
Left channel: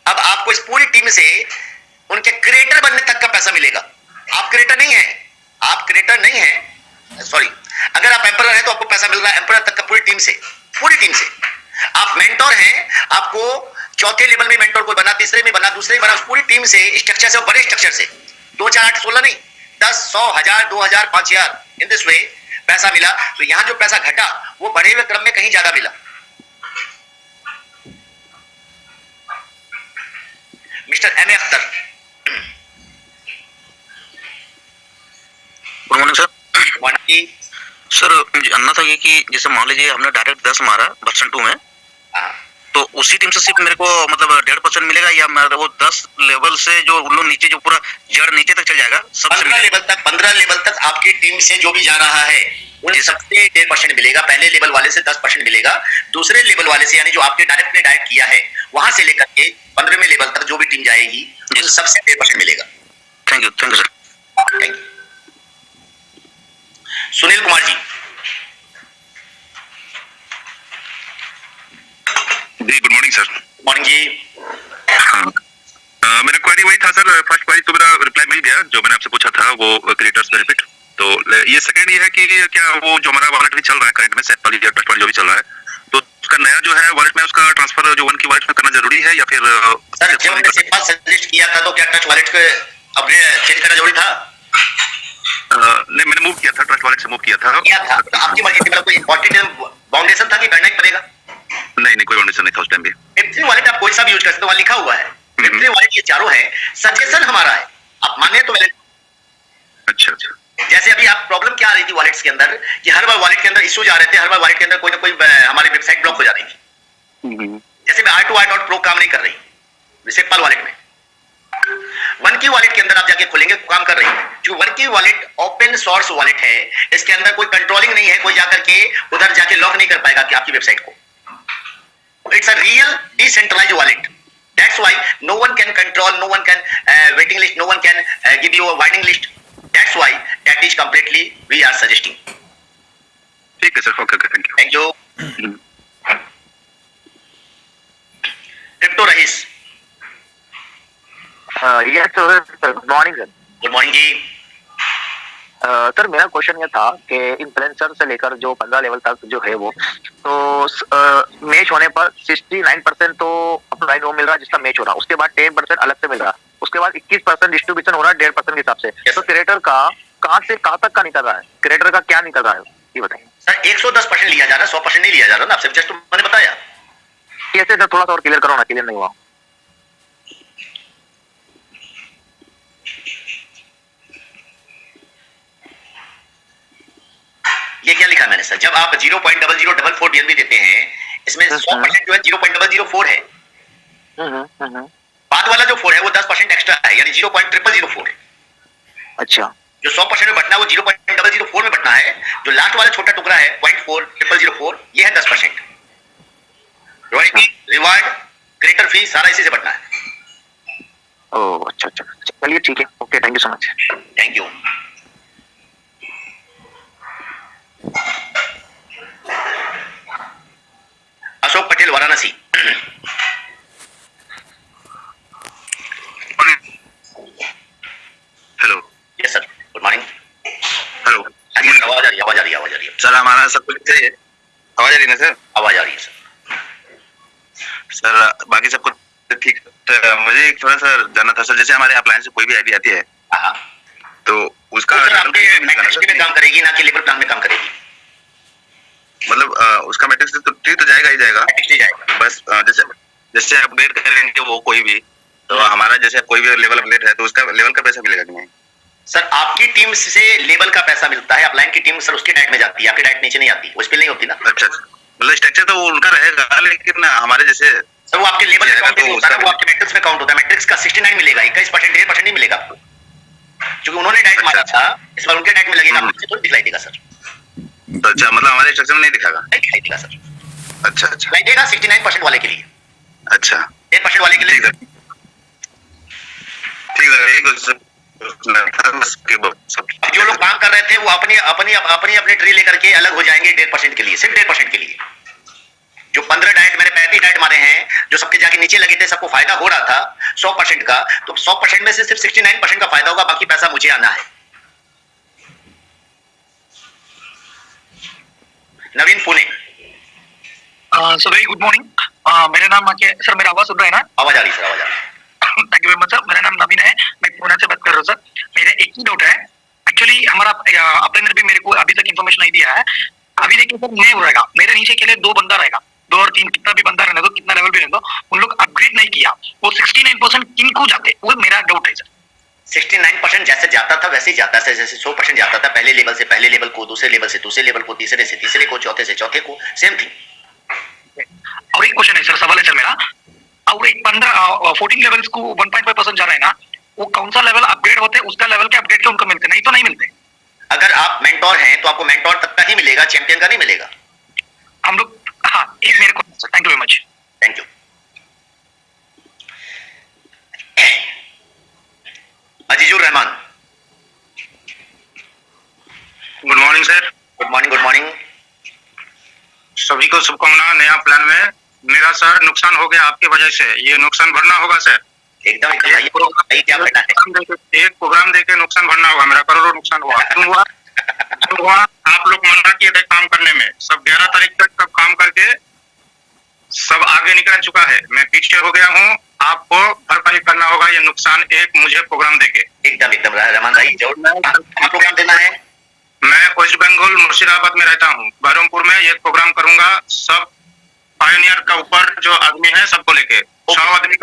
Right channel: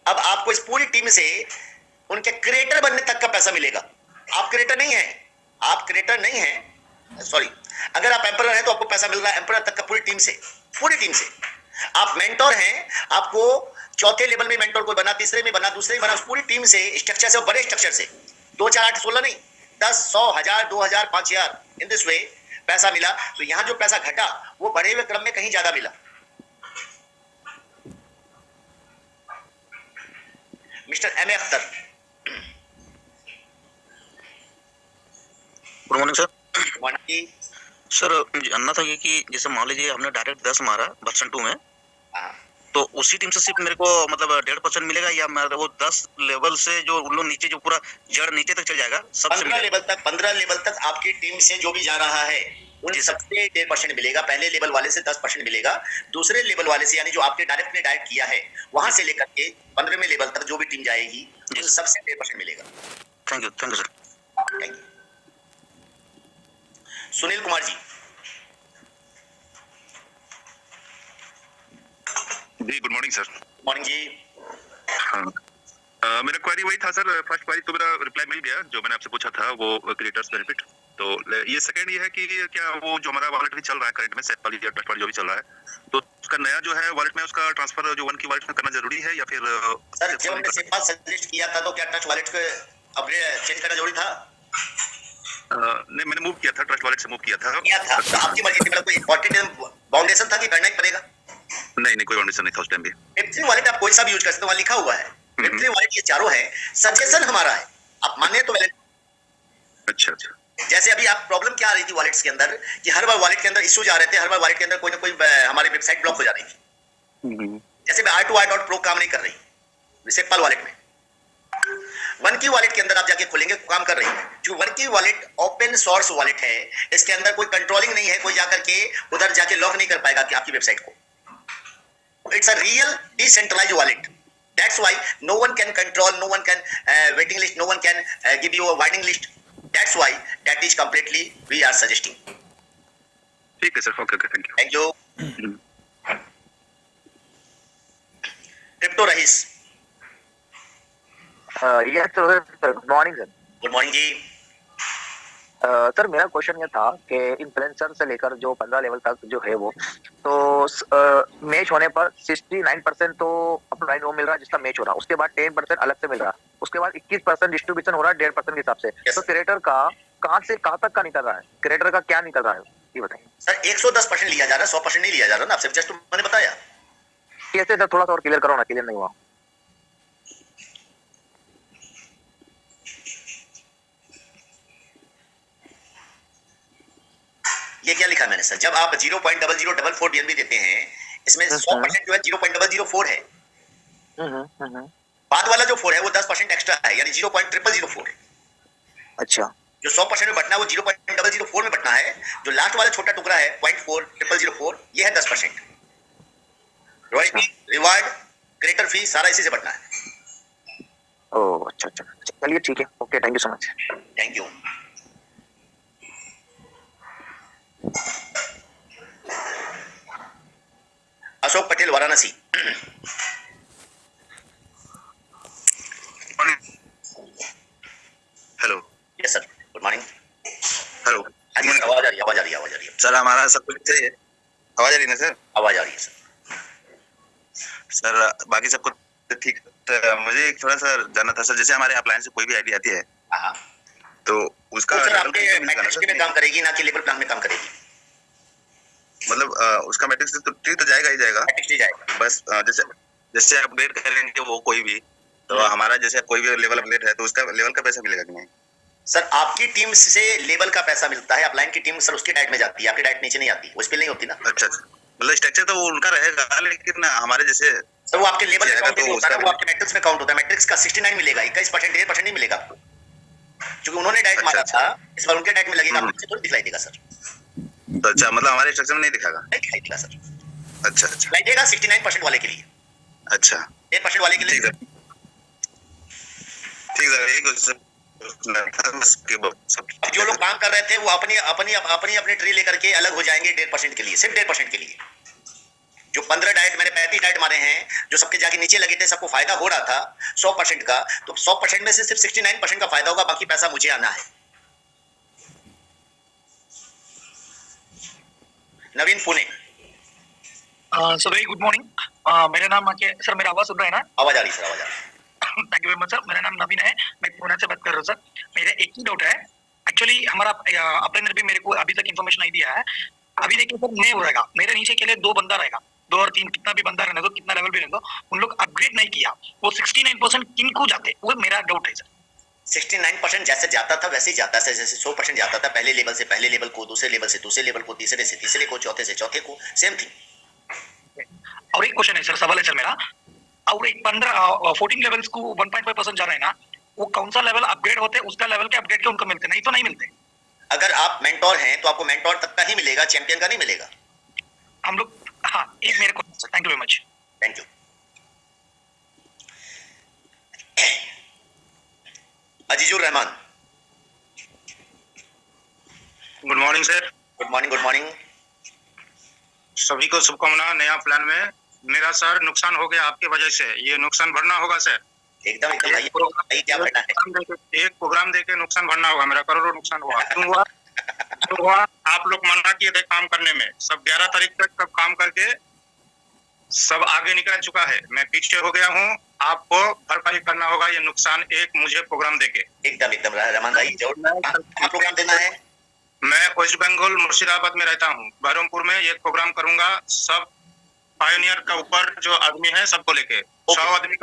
अब आपको इस पूरी टीम से उनके क्रिएटर बनने तक का पैसा मिलेगा। आप क्रिएटर नहीं है, आप क्रिएटर नहीं है, सॉरी, अगर आप एम्परर हैं तो आपको पैसा मिल रहा है एम्परर तक का, पूरी टीम से, पूरी टीम से। आप मेंटोर हैं, आपको 4थे लेवल में मेंटोर कोई बना, 3रे में बना, 2रे में बना, उस पूरी टीम से, स्ट्रक्चर से, बड़े स्ट्रक्चर से 2, 4, 8, 16 नहीं, 10, 100, 1000, 2000, 5000, इन दिस वे पैसा मिला। तो यहां जो पैसा घटा वो बढ़े हुए क्रम में कहीं ज्यादा मिला। Mister M A Akhtar. Good morning sir. Morning sir, मुझे जानना था ये कि जैसे मान लीजिए हमने डायरेक्ट 10 मारा वर्जन 2 में, तो उसी टीम से सिर्फ मेरे को मतलब 1.5% मिलेगा, या मेरे वो 10 लेवल से जो उन लोग नीचे, जो पूरा जड़ नीचे तक चल जाएगा, सबसे 15 लेवल तक आपकी टीम से जो भी जा रहा है उन सबसे 1.5% मिलेगा। पहले लेवल वाले से 10% मिलेगा, दूसरे लेवल वाले से, यानी जो आपके डायरेक्ट ने डायरेक्ट किया है वहां से लेकर के 15वें लेवल तक जो भी टीम जाएगी उन सबसे 1.5% मिलेगा। Thank you sir. Thank you. Sunil Kumar ji. जी गुड मॉर्निंग सर। मॉर्निंग जी। मेरा फर्स्ट क्वेरी तो मेरा रिप्लाई मिल गया, जो मैंने आपसे पूछा था वो क्रिएटर्स बेनिफिट। तो ये सेकंड ये है कि क्या वो जो हमारा वॉलेट भी चल रहा है करंट में सैप वाली या ट्रस्ट वाली जो भी चल रहा है, तो उसका नया जो है वॉलेट में उसका ट्रांसफर जो वन की वॉलेट में करना जरूरी है या फिर सर जब हमने सिंपल सजेस्ट किया था तो क्या ट्रस्ट वॉलेट को अपने चेंज करना जरूरी था? नहीं, मैंने मूव किया था, ट्रस्ट वॉलेट से मूव किया था। तो आपकी मर्जी थी, मतलब कोई इंपॉर्टेंट बाउंडेशन था कि करना ही पड़ेगा? नहीं, कोई बाउंडेशन नहीं था उस टाइम भी। M3 वॉलेट आप कोई सा भी यूज कर सकते हो, वहां लिखा हुआ है M3 वॉलेट, ये चारों है, सजेशन हमारा है, आप माने तो वैलिड। अच्छा। जैसे अभी आप प्रॉब्लम क्या आ रही थी वॉलेट्स के अंदर कि हर बार वॉलेट के अंदर इश्यूज आ रहे थे, हर बार वॉलेट के अंदर कोई ना कोई हमारी वेबसाइट ब्लॉक हो जा रही थी। जैसे R2R.pro काम नहीं कर रही सिंपल वॉलेट में, वन की वॉलेट के अंदर आप जाके खोलेंगे काम कर रही है, क्योंकि वन की वॉलेट ओपन सोर्स वॉलेट है, इसके अंदर कोई कंट्रोलिंग नहीं है, कोई जाकर के उधर जाके लॉक नहीं कर पाएगा कि आपकी वेबसाइट को। It's a real decentralised wallet, that's why no one can control, no one can waiting list, no one can give you a waiting list, that's why that is completely we are suggesting. ठीक है sir, okay, thank you. Crypto रईस, yes sir, good morning sir. Good morning जी। Sir मेरा question ये था कि influencer से लेकर जो 15 लेवल तक जो है वो तो मैच होने पर 69% तो अपना वो मिल रहा है जिसका मैच हो रहा है, उसके बाद 10% अलग से मिल रहा है, उसके बाद 21% डिस्ट्रीब्यूशन हो रहा है 1.5% के हिसाब से। तो क्रिएटर का कहाँ से कहाँ तक का निकल रहा है, क्रिएटर का क्या निकल रहा है ये बताइए सर। 110% लिया जा रहा है, 100% नहीं लिया जा रहा ना, आपसे जस्ट मैंने बताया। कैसे सर, थोड़ा सा और क्लियर करो ना, क्लियर नहीं हुआ। ये क्या लिखा मैंने सर, जब आप 0.0044 BNB देते हैं, इसमें 100% जो है 0.004 है, बाद वाला जो 4 है वो 10% एक्स्ट्रा है, यानी 0.0004। अच्छा, जो 100% में बटना है वो 0.004 में बटना है, जो लास्ट वाला छोटा टुकड़ा है 0.4004 ये है 10%। रॉयल्टी, रिवार्ड, क्रिएटर फी सारा इसी से बटना है। ओह अच्छा, चलिए ठीक है, okay, thank you so much. Thank you. Ashok Patel, Varanasi. Hello. Yes sir, good morning. Hello. आवाज आ रही है सर, हमारा सब कुछ सही है, आवाज आ रही है ना सर? आवाज आ रही है सर। सर बाकी सब कुछ ठीक है। तो मुझे एक थोड़ा सा जानना था सर, जैसे हमारे अप्लायंस से कोई भी आईडी आती है तो उसका तो सर आपके मैट्रिक्स में काम करेगी ना कि लेवल प्लान में काम करेगी? मतलब उसका मैट्रिक्स तो ठीक तो जाएगा ही जाएगा, मैट्रिक्स नहीं जाएगा। बस जैसे अपडेट करेंगे वो कोई भी, तो हमारा जैसे कोई भी लेवल अपडेट है तो उसका लेवल का पैसा मिलेगा कि नहीं? सर आपकी टीम से लेवल का पैसा मिलता है, अपलाइन की टीम सर उसकी डाइट में जाती है, आपकी डाइट नीचे नहीं आती, उस पे नहीं होती ना। अच्छा, मतलब स्ट्रक्चर तो वो उनका रहेगा, लेकिन हमारे जैसे सर वो आपके लेवल अकाउंट में होता है, वो आपके मैट्रिक्स में काउंट होता है। मैट्रिक्स का 69 मिलेगा, 21%, 1.5% नहीं मिलेगा आपको, क्योंकि उन्होंने डाइट मारा था, इस बार उनके डाइट में लगेगा, आपको थोड़ी दिखलाई देगा सर। तो अच्छा, मतलब हमारे स्ट्रक्चर में नहीं दिखाएगा? नहीं दिखाई देगा सर। अच्छा, दिखाई देगा 69% वाले के लिए। अच्छा, 1% वाले के लिए ठीक है, जो लोग काम कर रहे थे वो अपनी ट्री लेकर के अलग हो जाएंगे 1.5% के लिए, सिर्फ 1.5% के लिए। जो 15 डाइट मैंने 35 डाइट मारे हैं, जो सबके जाके नीचे लगे थे, सबको फायदा हो रहा था 100% का, तो 100% में से सिर्फ 69% का फायदा होगा, बाकी पैसा मुझे आना है। Naveen, Pune. Sir very good morning. मेरा नाम सर, मेरा आवाज सुन रहा है ना? आवाज आ रही है सर, आवाज आ रही है। Thank you very much sir. मेरा नाम नवीन है, मैं पुणे से बात कर रहा हूँ सर। मेरा एक ही डाउट है, एक्चुअली हमारा अपने भी मेरे को अभी तक इन्फॉर्मेशन नहीं दिया है। अभी देखिए सर, नहीं रहेगा मेरे नीचे के लिए 2 बंदा रहेगा, 2 और 3 कितना भी बंदा रहने दो, कितना लेवल भी रहने दो, उन लोग अपग्रेड नहीं किया, वो 69% किनको जाते, वो मेरा डाउट है सर। 69% जैसे जाता था वैसे ही जाता है, जैसे 100% जाता था पहले लेवल से पहले लेवल को, दूसरे लेवल से दूसरे लेवल को, तीसरे से तीसरे को, चौथे से चौथे को, सेम थिंग। और एक क्वेश्चन है सर, सवाल है सर मेरा, और एक 14 लेवल्स को 1.5% जा रहा है ना, वो कौन सा लेवल अपग्रेड होते हैं, उसका लेवल के अपग्रेड के उनको मिलते, नहीं तो नहीं मिलते। अगर आप मेंटोर हैं तो आपको मेंटोर तक का ही मिलेगा, चैंपियन का नहीं मिलेगा। हम लोग, हाँ, एक मेरे को, thank you very much. Thank you. Azizur Rahman. Good morning sir. Good morning, good morning. सभी को शुभकामनाएं। नया प्लान में मेरा सर नुकसान हो गया आपकी वजह से, ये नुकसान भरना होगा सर। एकदम एकदम भाई, भाई क्या बढ़ना है। एक प्रोग्राम देके नुकसान भरना होगा, मेरा करोड़ों नुकसान हुआ। क्यों हुआ? क्यों हुआ? आप लोग मना किए थे काम करने में, सब 11 तारीख तक सब काम करके सब आगे निकल चुका है, मैं पीछे हो गया हूँ। आपको भरपाई करना होगा ये नुकसान, एक मुझे प्रोग्राम देके। एकदम एकदम रहमान भाई, जरूर प्रोग्राम देना है। मैं वेस्ट बंगाल मुर्शिदाबाद में रहता हूँ, बहरमपुर में ये प्रोग्राम करूंगा। सब पायोनियर का ऊपर जो आदमी है सबको लेके 100 आदमी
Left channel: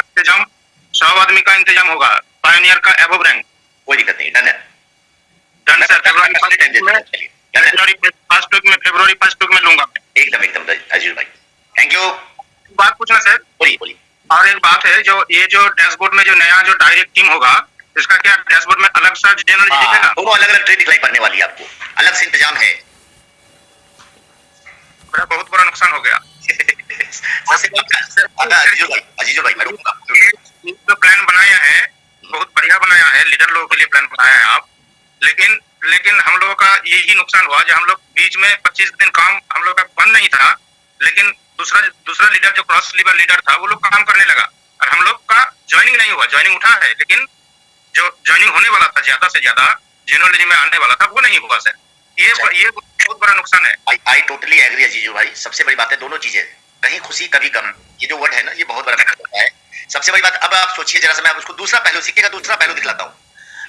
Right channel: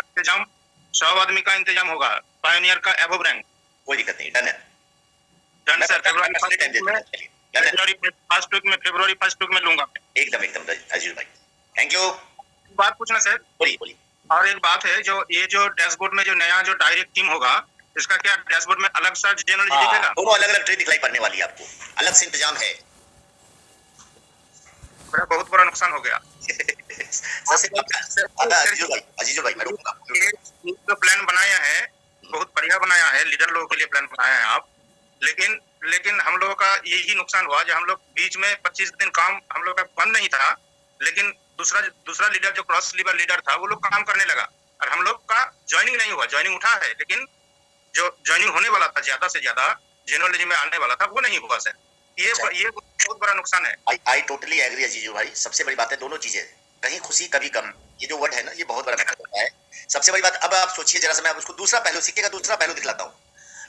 का इंतजाम होगा। पायोनियर का एबव रैंक, कोई दिक्कत नहीं, डन है। Done sir. February first week में लूंगा। एकदम एकदम अजीज भाई, थैंक यू। बात पूछना सर, बोलिए बोलिए। और एक बात है, जो ये जो डैशबोर्ड में जो नया जो डायरेक्ट टीम होगा, इसका क्या डैशबोर्ड में अलग सा जनरल दिखेगा? दोनों अलग अलग ट्रेन दिखलाई पड़ने वाली है आपको, अलग से इंतजाम है। मेरा बहुत बड़ा नुकसान हो गया। अजीजो भाई मैं रुकूंगा। जो प्लान बनाया है बहुत बढ़िया बनाया है, लीडर लोगों के लिए प्लान बनाया है आप, लेकिन हम लोगों का यही नुकसान हुआ जो हम लोग बीच में 25 दिन काम हम लोग का बंद नहीं था, लेकिन दूसरा लीडर जो क्रॉस लीवर लीडर था वो लोग काम करने लगा और हम लोग का ज्वाइनिंग नहीं हुआ। ज्वाइनिंग उठा है, लेकिन जो ज्वाइनिंग होने वाला था ज्यादा से ज्यादा जेनरल में आने वाला था वो नहीं हुआ सर। ये बहुत बड़ा नुकसान है। आई टोटली एग्री अजीजो भाई। सबसे बड़ी बात है दोनों चीजें, कहीं खुशी कभी गम, ये जो वर्ड है ना ये बहुत बड़ा मैटर होता है। सबसे बड़ी बात, अब आप सोचिए जरा सा, मैं उसको दूसरा पहलू, सिक्के का दूसरा पहलू दिखलाता हूँ।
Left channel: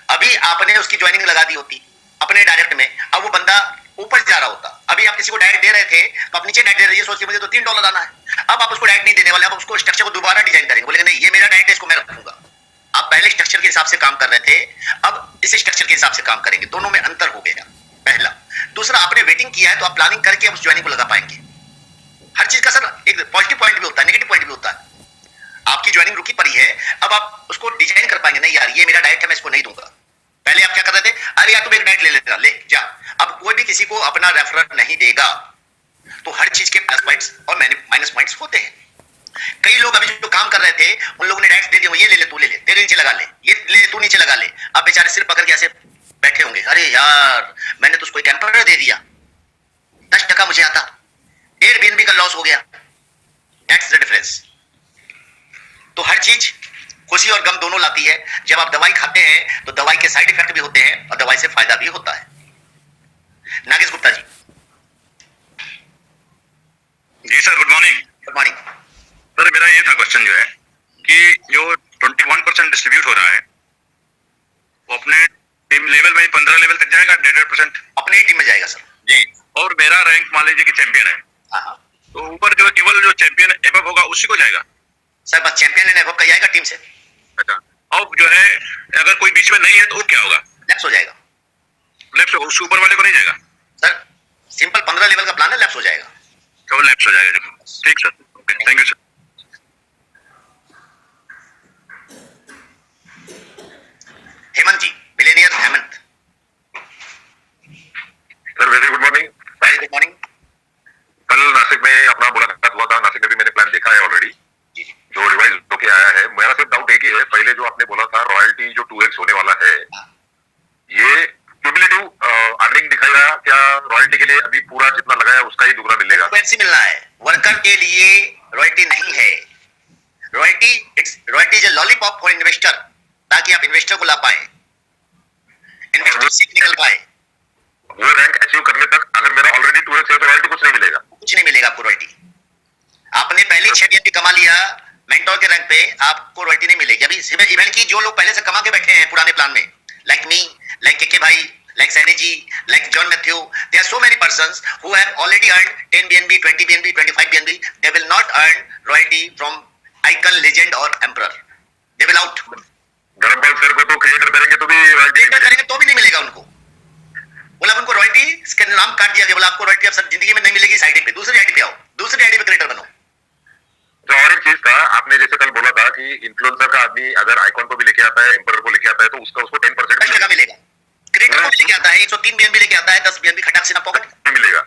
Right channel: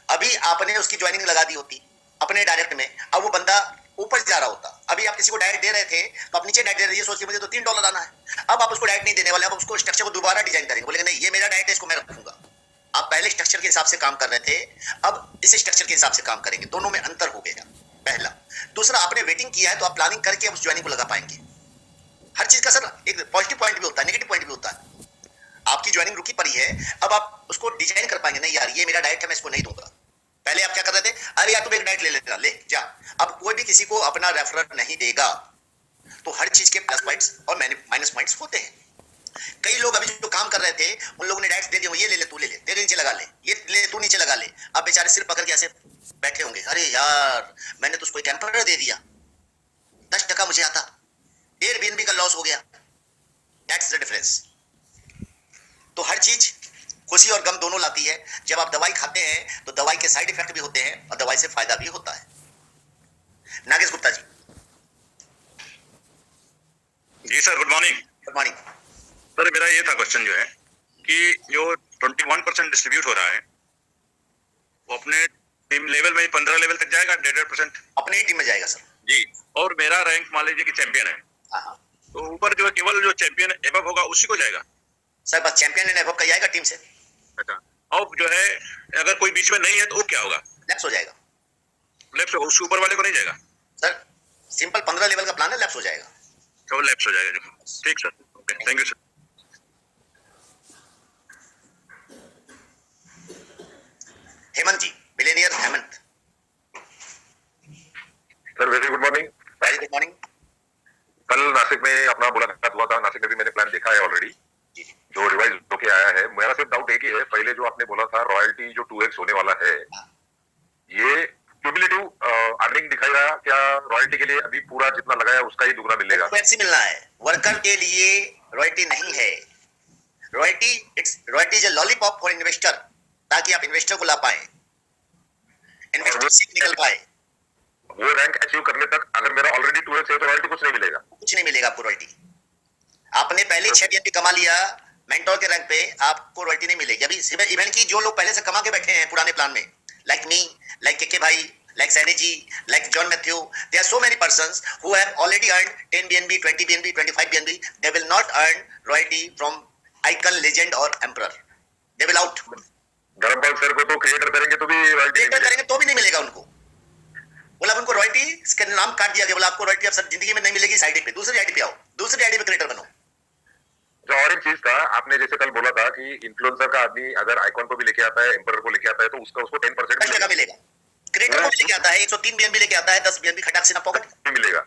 अभी आपने उसकी ज्वाइनिंग लगा दी होती अपने डायरेक्ट में, अब वो बंदा ऊपर जा रहा होता। अभी आप किसी को डायरेक्ट दे रहे थे तो आप नीचे डायरेक्ट दे रहे हैं, सोच के मुझे तो $3 आना है। अब आप उसको डायरेक्ट नहीं देने वाले, आप उसको स्ट्रक्चर को दोबारा डिजाइन करेंगे, बोलेंगे नहीं ये मेरा डायरेक्ट है, इसको मैं रखूंगा। आप पहले स्ट्रक्चर के हिसाब से काम कर रहे थे, अब इस स्ट्रक्चर के हिसाब से काम करेंगे, दोनों में अंतर हो गया पहला। दूसरा, आपने वेटिंग किया है तो आप प्लानिंग करके उस ज्वाइनिंग को लगा पाएंगे। हर चीज का सर एक पॉजिटिव पॉइंट भी होता है, नेगेटिव पॉइंट भी होता है। आपकी ज्वाइनिंग रुकी पड़ी है, अब आप उसको डिजाइन कर पाएंगे, नहीं यार ये मेरा डायरेक्ट है मैं इसको नहीं दूंगा। पहले आप क्या कर रहे थे, अरे यार तुम एक डायरेक्ट ले लेना, ले जा। अब कोई भी किसी को अपना रेफरर नहीं देगा, तो हर चीज के प्लस पॉइंट्स और माइनस पॉइंट्स होते हैं। कई लोग अभी जो काम कर रहे थे उन लोगों ने डायरेक्ट दे दिया, ये ले ले तू ले ले, तेरे नीचे लगा ले, ये ले तू नीचे लगा ले। अब बेचारे सिर पकड़ के ऐसे बैठे होंगे, अरे यार मैंने तो उसको टेम्पररी दे दिया, 10% मुझे आता, एयरबीएनबी का लॉस हो गया। That's the difference. तो हर चीज खुशी और गम दोनों लाती है। जब आप दवाई खाते हैं तो दवाई के साइड इफेक्ट भी होते हैं और दवाई से फायदा भी होता है। नागेश गुप्ता जी। जी sir, good morning. Good morning sir, मेरा ये था क्वेश्चन जो है कि जो 21% डिस्ट्रीब्यूट हो रहा है वो अपने टीम लेवल में 15 लेवल तक जाएगा, 1.5% अपनी ही टीम में जाएगा सर जी। और मेरा रैंक मान लीजिए कि चैंपियन है, हाँ तो ऊपर जो केवल जो चैंपियन एबव होगा उसी को जाएगा सर, बस चैंपियन लेने का जाएगा टीम से। अच्छा, अब जो है अगर कोई बीच में नहीं है तो वो क्या होगा? लैप्स हो जाएगा। लेफ्ट उससे ऊपर वाले को नहीं जाएगा सर, सिंपल 15 लेवल का प्लान है, लैप्स हो जाएगा। तो लेफ्ट हो जाएगा। ठीक sir, okay, thank you sir. Hemant ji, millionaire Hemant. Sir very good morning. Very good morning. कल नासिक में अपना मुलाकात हुआ था, नासिक में भी मैंने प्लान देखा है ऑलरेडी, जो रिवाइज होके आया है। मेरा सिर्फ डाउट एक ही है, पहले जो आपने बोला था रॉयल्टी जो 2x होने वाला है, ये क्यूमुलेटिव अर्निंग दिखाएगा क्या? रॉयल्टी के लिए अभी पूरा जितना लगाया उसका ही दुगना मिलेगा? वैसे मिलना है, वर्कर के लिए रॉयल्टी नहीं है। Royalty is a lollipop for investor, ताकि आप इन्वेस्टर को ला पाए, इन्वेस्टर से निकल पाए। वो रैंक अचीव करने तक अगर मेरा ऑलरेडी 2x है तो रॉयल्टी कुछ नहीं मिलेगा? कुछ नहीं मिलेगा आपको रॉयल्टी। आपने पहले 6 BNB कमा लिया मेंटोर के रैंक पे, आपको रॉयल्टी नहीं मिलेगी। अभी इवेंट की जो लोग पहले से कमा के बैठे हैं पुराने प्लान में, लाइक मी, लाइक केके भाई, like Sani ji, like John Matthew, there are so many persons who have already earned 10 BNB, 20 BNB, 25 BNB. They will not earn royalty from icon, legend or emperor. They will out. Dharampal sir को तो creator करेंगे तो भी royalty करेंगे तो भी नहीं मिलेगा उनको। बोला उनको रॉयल्टी इसके नाम काट दिया गया, बोला आपको रॉयल्टी अब सब जिंदगी में नहीं मिलेगी, इस आईडी पे दूसरी आईडी पे आओ, दूसरी आईडी पे क्रिएटर बनो। तो और एक चीज था, आपने जैसे कल बोला था कि इन्फ्लुएंसर का आदमी अगर आइकॉन को भी लेके आता है, एम्परर को लेके आता है तो उसका उसको 10% मिलेगा। क्रिएटर को लेके आता है 103 BNB लेके आता है, 10 BNB खटाक से ना पॉकेट मिलेगा।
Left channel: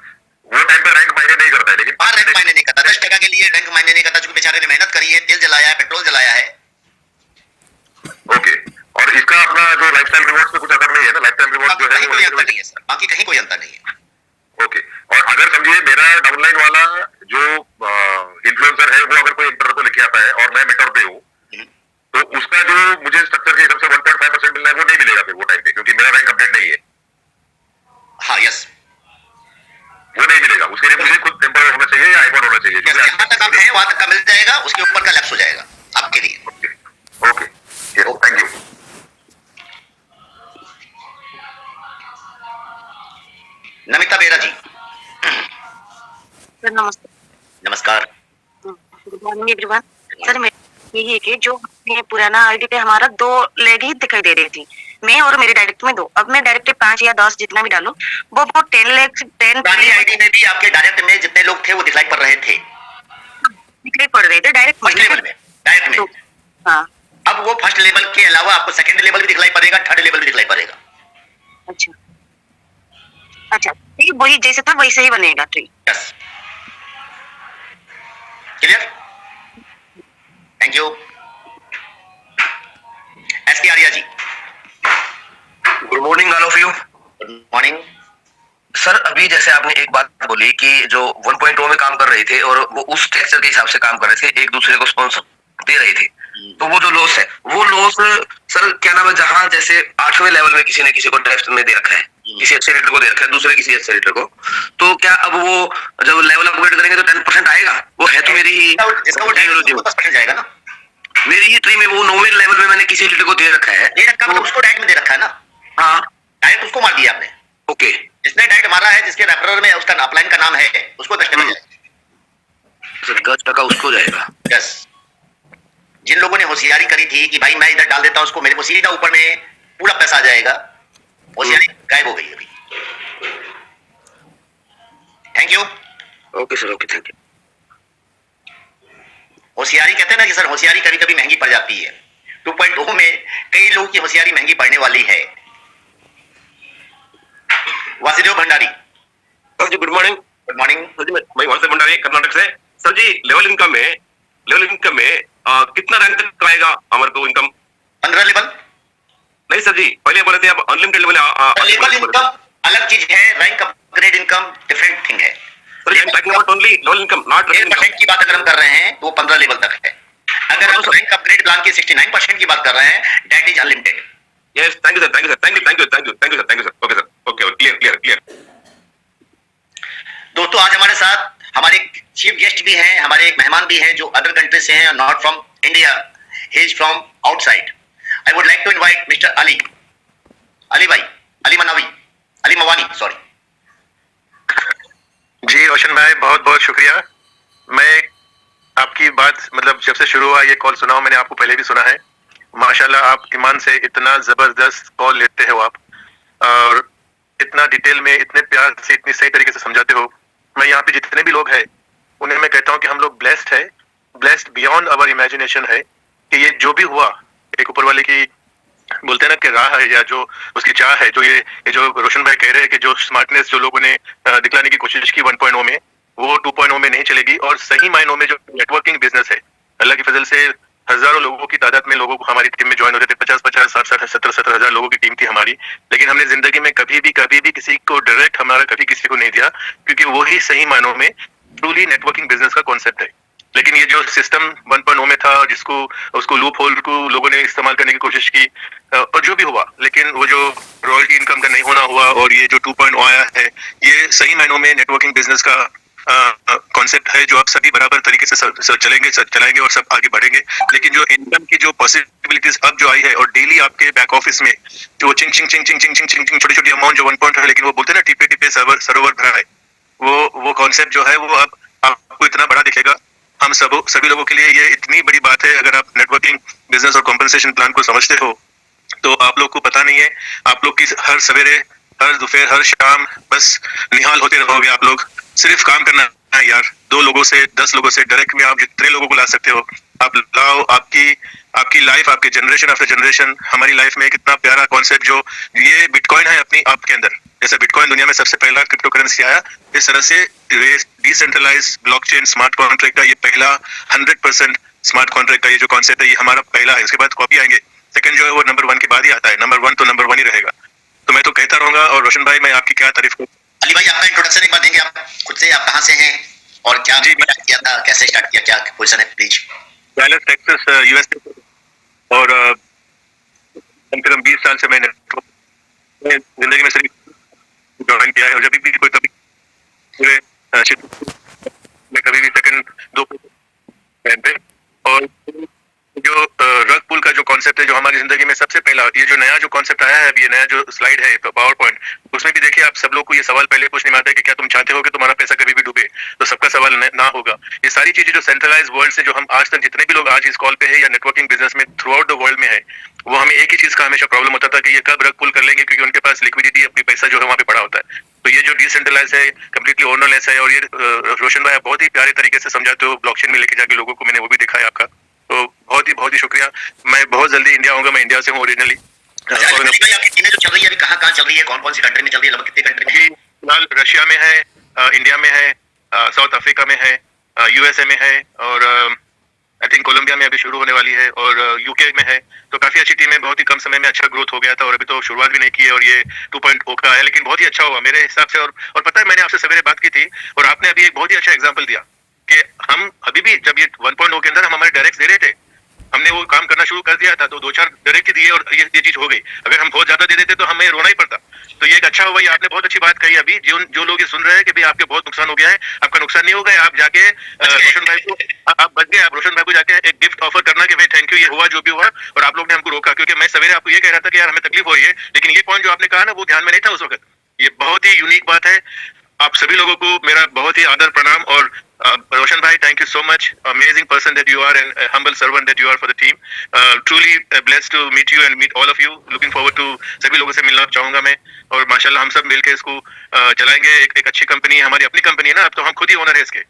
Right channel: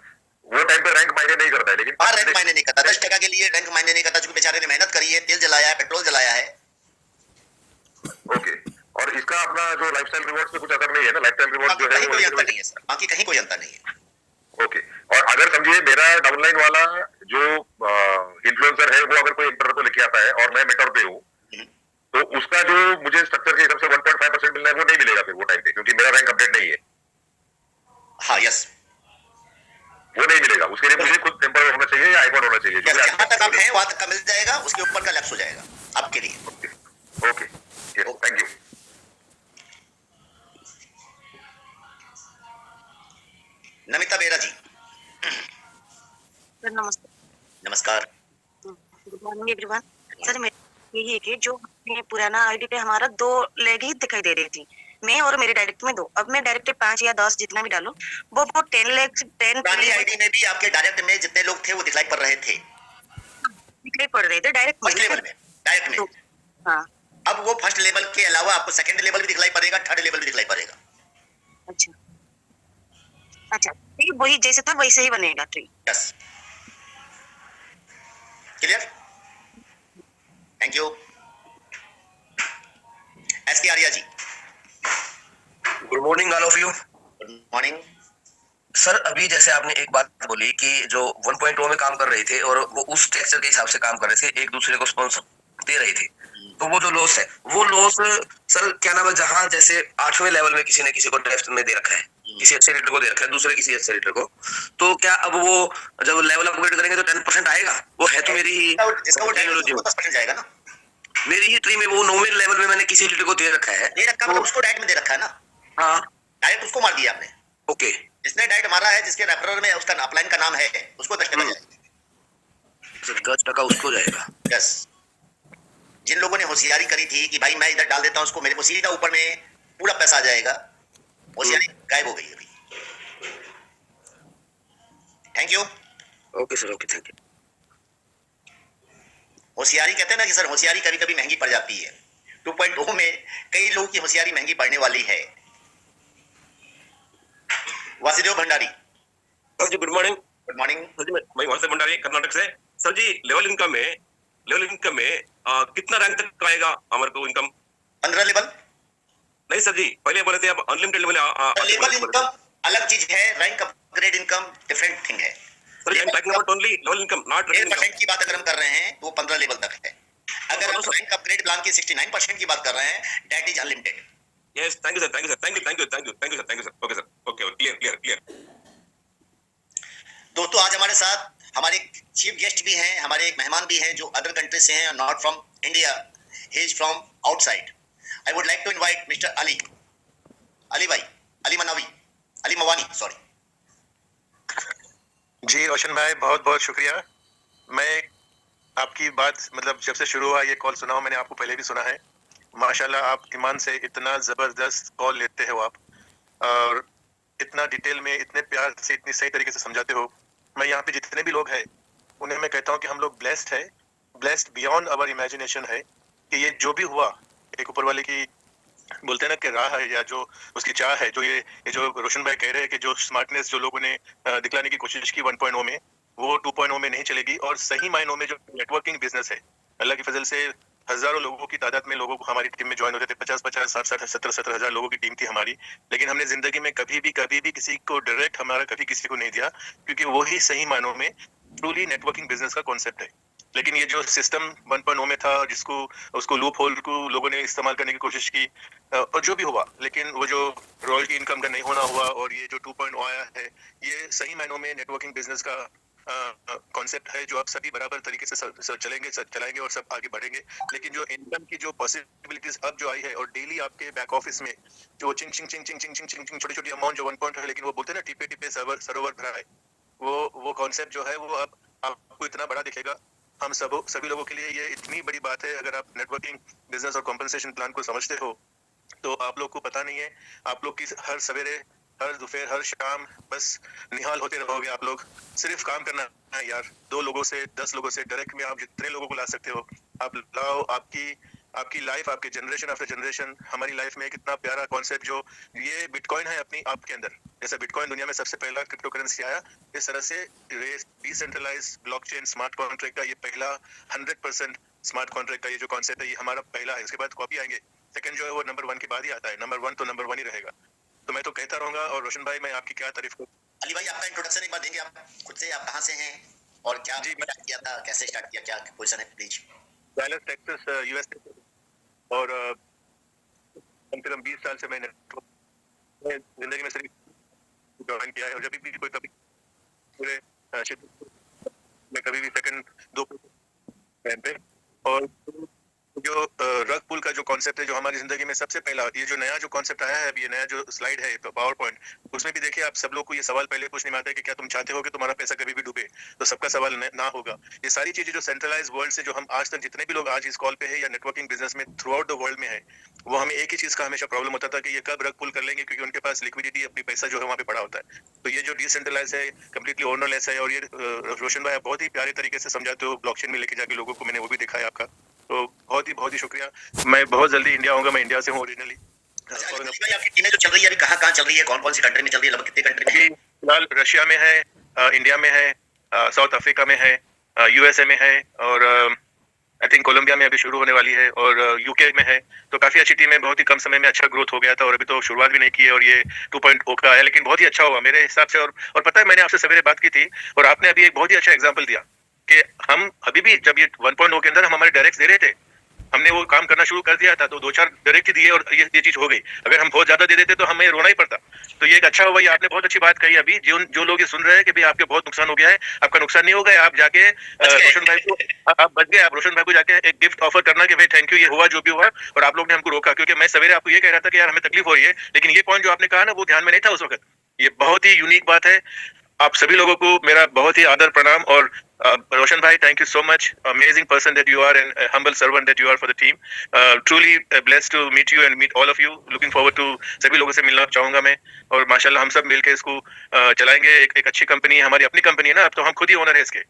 वो टाइम पे रैंक मायने नहीं करता है, लेकिन रैंक मायने नहीं करता, 10% के लिए रैंक मायने नहीं करता, क्योंकि बेचारे ने मेहनत करी है, तेल जलाया है, पेट्रोल जलाया है। ओके, और इसका अपना जो लाइफस्टाइल रिवॉर्ड पे कुछ असर नहीं है ना? लाइफस्टाइल रिवॉर्ड जो है कोई अंतर नहीं है सर, बाकी कहीं कोई अंतर नहीं है। ओके, और अगर समझिए मेरा डाउनलाइन वाला जो इन्फ्लुएंसर है वो अगर कोई एम्परर को लेके आता है और मैं मेंटर पे हूँ, तो उसका जो मुझे स्ट्रक्चर के हिसाब से 1.5% मिलना है वो नहीं मिलेगा फिर वो टाइम पे, क्योंकि मेरा रैंक अपडेट नहीं है। हाँ यस, वो नहीं मिलेगा, उसके लिए मुझे खुद टेम्पर होना चाहिए या आईकॉन होना चाहिए। जहाँ तक हम हैं वहां तक का मिल जाएगा, उसके ऊपर का लैप्स हो जाएगा आपके लिए। Okay, thank you. नमिता बेरा जी, सर नमस्ते। नमस्कार। Good morning everyone. सर मैं यही है कि जो पुराना आईडी पे हमारा 2 लेग ही दिखाई दे रही थी, मैं और मेरे डायरेक्ट में 2। अब मैं डायरेक्ट 5 या 10 जितना भी डालूं वो 10 लेग 10 पुरानी आईडी में भी आपके डायरेक्ट में जितने लोग थे वो दिखलाई पड़ रहे थे, दिखाई पड़ रहे थे डायरेक्ट फर्स्ट लेवल में, डायरेक्ट में। हाँ अब वो फर्स्ट लेवल के अलावा आपको सेकंड लेवल भी दिखलाई पड़ेगा, थर्ड लेवल भी दिखलाई पड़ेगा। अच्छा अच्छा, ठीक, वही जैसे था वैसे ही बनेगा tree. Yes, clear, thank you. SK Arya ji, good morning all of you. Good morning. Sir अभी जैसे आपने एक बात बोली कि जो 1.0 में काम कर रहे थे और वो उस टेक्सचर के हिसाब से काम कर रहे थे, एक दूसरे को स्पॉन्सर दे रहे थे, तो वो जो लॉस है वो लॉस सर क्या नाम है, जहां जैसे 8वें लेवल में किसी ने किसी को ड्राफ्ट में दे रखा है, किसी अच्छे रेटर को दे रखा है, दूसरे किसी अच्छे रेटर को, तो क्या अब वो जब लेवल अपग्रेड करेंगे तो 10% आएगा? वो है तो मेरी ही जाएगा ना, मेरी ही ट्री में वो 9वें लेवल में मैंने किसी रेटर को दे रखा है, दे रखा मतलब उसको डायरेक्ट में दे रखा है ना। हाँ डायरेक्ट उसको मार दिया आपने। ओके, जिसने डायरेक्ट मारा है, जिसके रेफरर में उसका अपलाइन का नाम है, उसको 10% जाएगा। सर 10% उसको जाएगा। यस, जिन लोगों ने होशियारी करी थी कि भाई मैं इधर डाल देता हूं उसको, मेरे को सीधा ऊपर में पूरा पैसा आ जाएगा, होशियारी गायब हो गई अभी। Thank you. Okay sir, okay, thank you. होशियारी कहते हैं ना कि सर होशियारी कभी कभी महंगी पड़ जाती है। 2.0 में कई लोगों की होशियारी महंगी पड़ने वाली है। वासुदेव भंडारी, सर जी good morning. Good morning. Sir जी मैं वासुदेव भंडारी कर्नाटक से। सर जी लेवल इनकम में कितना रैंक तक आएगा हमारे को इनकम? 15 लेवल नहीं सर जी, पहले बोले थे अब अनलिमिटेड लेवल। लेवल इनकम अलग चीज है, rank upgrade income different thing है। Sir I am talking about only level income, not 1% की बात अगर हम कर रहे हैं तो 15 लेवल तक है। अगर हम रैंक अपग्रेड प्लान की 69% की बात कर रहे हैं, that is unlimited. Yes, thank you sir, thank you sir, thank you sir. Okay sir, okay, clear. दोस्तों आज हमारे साथ हमारे चीफ गेस्ट भी हैं, हमारे एक मेहमान भी हैं जो अदर कंट्री से हैं, not from India, he is from outside. I would like to invite mister Ali भाई, अली मवानी, सॉरी। जी रोशन भाई, बहुत बहुत शुक्रिया। मैं आपकी बात मतलब जब से शुरू हुआ ये कॉल सुना हूं, मैंने आपको पहले भी सुना है। माशाल्लाह आप ईमान से इतना जबरदस्त कॉल लेते हो आप, और इतना डिटेल में, इतने प्यार से, इतनी सही तरीके से समझाते हो। मैं यहाँ पे जितने भी लोग हैं उन्हें मैं कहता हूँ कि हम लोग ब्लेस्ड है, ब्लेस्ड बियॉन्ड अवर इमेजिनेशन है कि ये जो भी हुआ एक ऊपर वाले की बोलते हैं ना कि राह है, या जो उसकी चाह है, जो ये जो रोशन भाई कह रहे हैं कि जो स्मार्टनेस जो लोगों ने दिखलाने की कोशिश की 1.0 में, वो 2.0 में नहीं चलेगी। और सही मायनों में जो नेटवर्किंग बिजनेस है, अल्लाह की फजल से हजारों लोगों की तादाद में लोगों को हमारी टीम में ज्वाइन होते थे, 50-50, 60-60, 70-70 हजार लोगों की टीम थी हमारी। लेकिन हमने जिंदगी में कभी भी किसी को डायरेक्ट हमारा कभी किसी को नहीं दिया, क्योंकि वो ही सही मायनों में ट्रूली नेटवर्किंग बिजनेस का कॉन्सेप्ट है। लेकिन ये जो सिस्टम 1.0 में था, जिसको उसको लूप होल को लोगों ने इस्तेमाल करने की कोशिश की, और जो भी हुआ, लेकिन वो जो रॉयल्टी इनकम का नहीं होना हुआ, और ये जो 2.0 आया है, ये सही मायनों में नेटवर्किंग बिजनेस का कॉन्सेप्ट है, जो आप सभी बराबर तरीके से चलाएंगे और सब आगे बढ़ेंगे। लेकिन जो इनकम की जो पॉसिबिलिटीज अब जो आई है, और डेली आपके बैक ऑफिस में जो चिंग छोटी अमाउंट जो 1 है, लेकिन वो बोलते हैं ना टिपे सरोवर भरा है, वो कॉन्सेप्ट जो है वो अब आपको इतना बड़ा दिखेगा। हम सभी लोगों के लिए ये इतनी बड़ी बात है। अगर आप नेटवर्किंग बिजनेस और कॉम्पनसेशन प्लान को समझते हो तो आप लोग को पता नहीं है, आप लोग की हर सवेरे, हर दोपहर, हर शाम बस निहाल होते रहोगे। आप लोग सिर्फ काम करना है यार, 2 लोगों से 10 लोगों से डायरेक्ट में आप जितने लोगों को ला सकते हो आप लाओ। आपकी लाइफ, आपके जनरेशन आफ्टर जनरेशन, हमारी लाइफ में कितना प्यारा कॉन्सेप्ट जो ये बिटकॉइन है अपनी आपके अंदर। जैसे बिटकॉइन दुनिया में सबसे पहला क्रिप्टो करेंसी आया, इस तरह से डिसेंट्रलाइज्ड ब्लॉकचेन स्मार्ट कॉन्ट्रैक्ट का ये पहला 100% स्मार्ट कॉन्ट्रैक्ट का ये जो कॉन्सेप्ट है, ये हमारा पहला है। उसके बाद कॉपी आएंगे, सेकंड जो है वो नंबर 1 के बाद ही आता है। नंबर 1 तो नंबर 1 ही रहेगा। तो मैं तो कहता रहूंगा। और रोशन भाई, मैं आपकी क्या तारीफ करूं। अली भाई, आपका इंट्रोडक्शन एक बार देंगे आप खुद से, आप कहाँ से हैं और क्या स्टार्ट किया था, कैसे स्टार्ट किया, क्या पोजीशन है प्लीज? Dallas Texas USA. और कम से कम 20 साल से मैंने जिंदगी में सिर्फ ज्वाइन किया है, और जब भी कोई कभी पूरे क्षेत्र में कभी भी सेकंड 2 पे, और जो रग पुल का जो कॉन्सेप्ट है, जो हमारी जिंदगी में सबसे पहला, ये जो नया जो कॉन्सेप्ट आया है, अभी ये नया जो स्लाइड है पावर पॉइंट, उसमें भी देखिए आप सब लोग को ये सवाल पहले पूछने में आता है कि क्या तुम चाहते हो कि तुम्हारा पैसा कभी भी डूबे? तो सबका सवाल ना होगा। ये सारी चीजें जो सेंट्रलाइज वर्ल्ड से, जो हम आज तक जितने भी लोग आज इस कॉल पे है या नेटवर्किंग बिजनेस में थ्रू आउट द वर्ल्ड में है, वो हमें एक ही चीज का हमेशा प्रॉब्लम होता था कि ये कब रग पुल कर लेंगे, क्योंकि उनके पास लिक्विडिटी, अपनी पैसा जो है वहाँ पे पड़ा होता है। तो ये जो डिसेंट्रलाइज है, कम्प्लीटली ओनरलेस है, और ये रोशन भाई आप बहुत ही प्यारे तरीके से समझाते हो ब्लॉकचेन में लेके जाके लोगों को, मैंने वो भी देखा है आपका, तो बहुत ही शुक्रिया। मैं बहुत जल्दी इंडिया आऊंगा, मैं इंडिया से हूँ ओरिजिनली। आपकी टीमें जो चल रही है अभी कहाँ चल रही है, कौन कौन सी कंट्री में चल रही है, लगभग कितने कंट्री में? फिलहाल रशिया में है, इंडिया में है, साउथ अफ्रीका में है, यूएसए में है, और आई थिंक कोलंबिया में अभी शुरू होने वाली है, और यूके में है। तो काफी अच्छी टीम है, बहुत ही कम समय में अच्छा ग्रोथ हो गया था, और अभी तो शुरुआत भी नहीं की है, और ये 2.0 का है, लेकिन बहुत ही अच्छा हुआ मेरे हिसाब से। और पता है, मैंने आपसे सवेरे बात की थी, और आपने अभी एक बहुत ही अच्छा एग्जाम्पल दिया कि हम अभी भी जब ये 1.0 के अंदर हम हमारे डायरेक्ट दे रहे थे, हमने वो काम करना शुरू कर दिया था, तो 2-4 डायरेक्ट दिए और ये चीज हो गई। अगर हम बहुत ज्यादा दे देते तो हमें रोना ही पड़ता। तो ये एक अच्छा हुआ, ये आपने बहुत अच्छी बात कही। अभी जो लोग ये सुन रहे हैं कि भाई आपके बहुत नुकसान हो गया है, आपका नुकसान नहीं होगा, आप जाके रोशन भाई को, आप बच गए, आप रोशन भाई को जाके एक गिफ्ट ऑफर करना कि भाई थैंक यू, ये हुआ जो भी हुआ, और आप लोग ने हमको रोका। क्योंकि मैं सवेरे आपको ये कह रहा था कि यार हमें तकलीफ हो रही है, लेकिन ये पॉइंट जो आपने कहा ना, वो ध्यान में नहीं था उस वक्त। ये बहुत ही यूनिक बात है। आप सभी लोगों को मेरा बहुत ही आदर प्रणाम। और Roshan bhai, thank you so much. Amazing person that you are, and a humble servant that you are for the team. Truly blessed to meet you and meet all of you. Looking forward to सभी लोगों से मिलना चाहूंगा मैं, और माशाल्लाह हम सब मिलके इसको चलाएंगे। एक अच्छी कंपनी है, हमारी अपनी कंपनी है ना, अब तो हम खुद ही ओनर है इसके।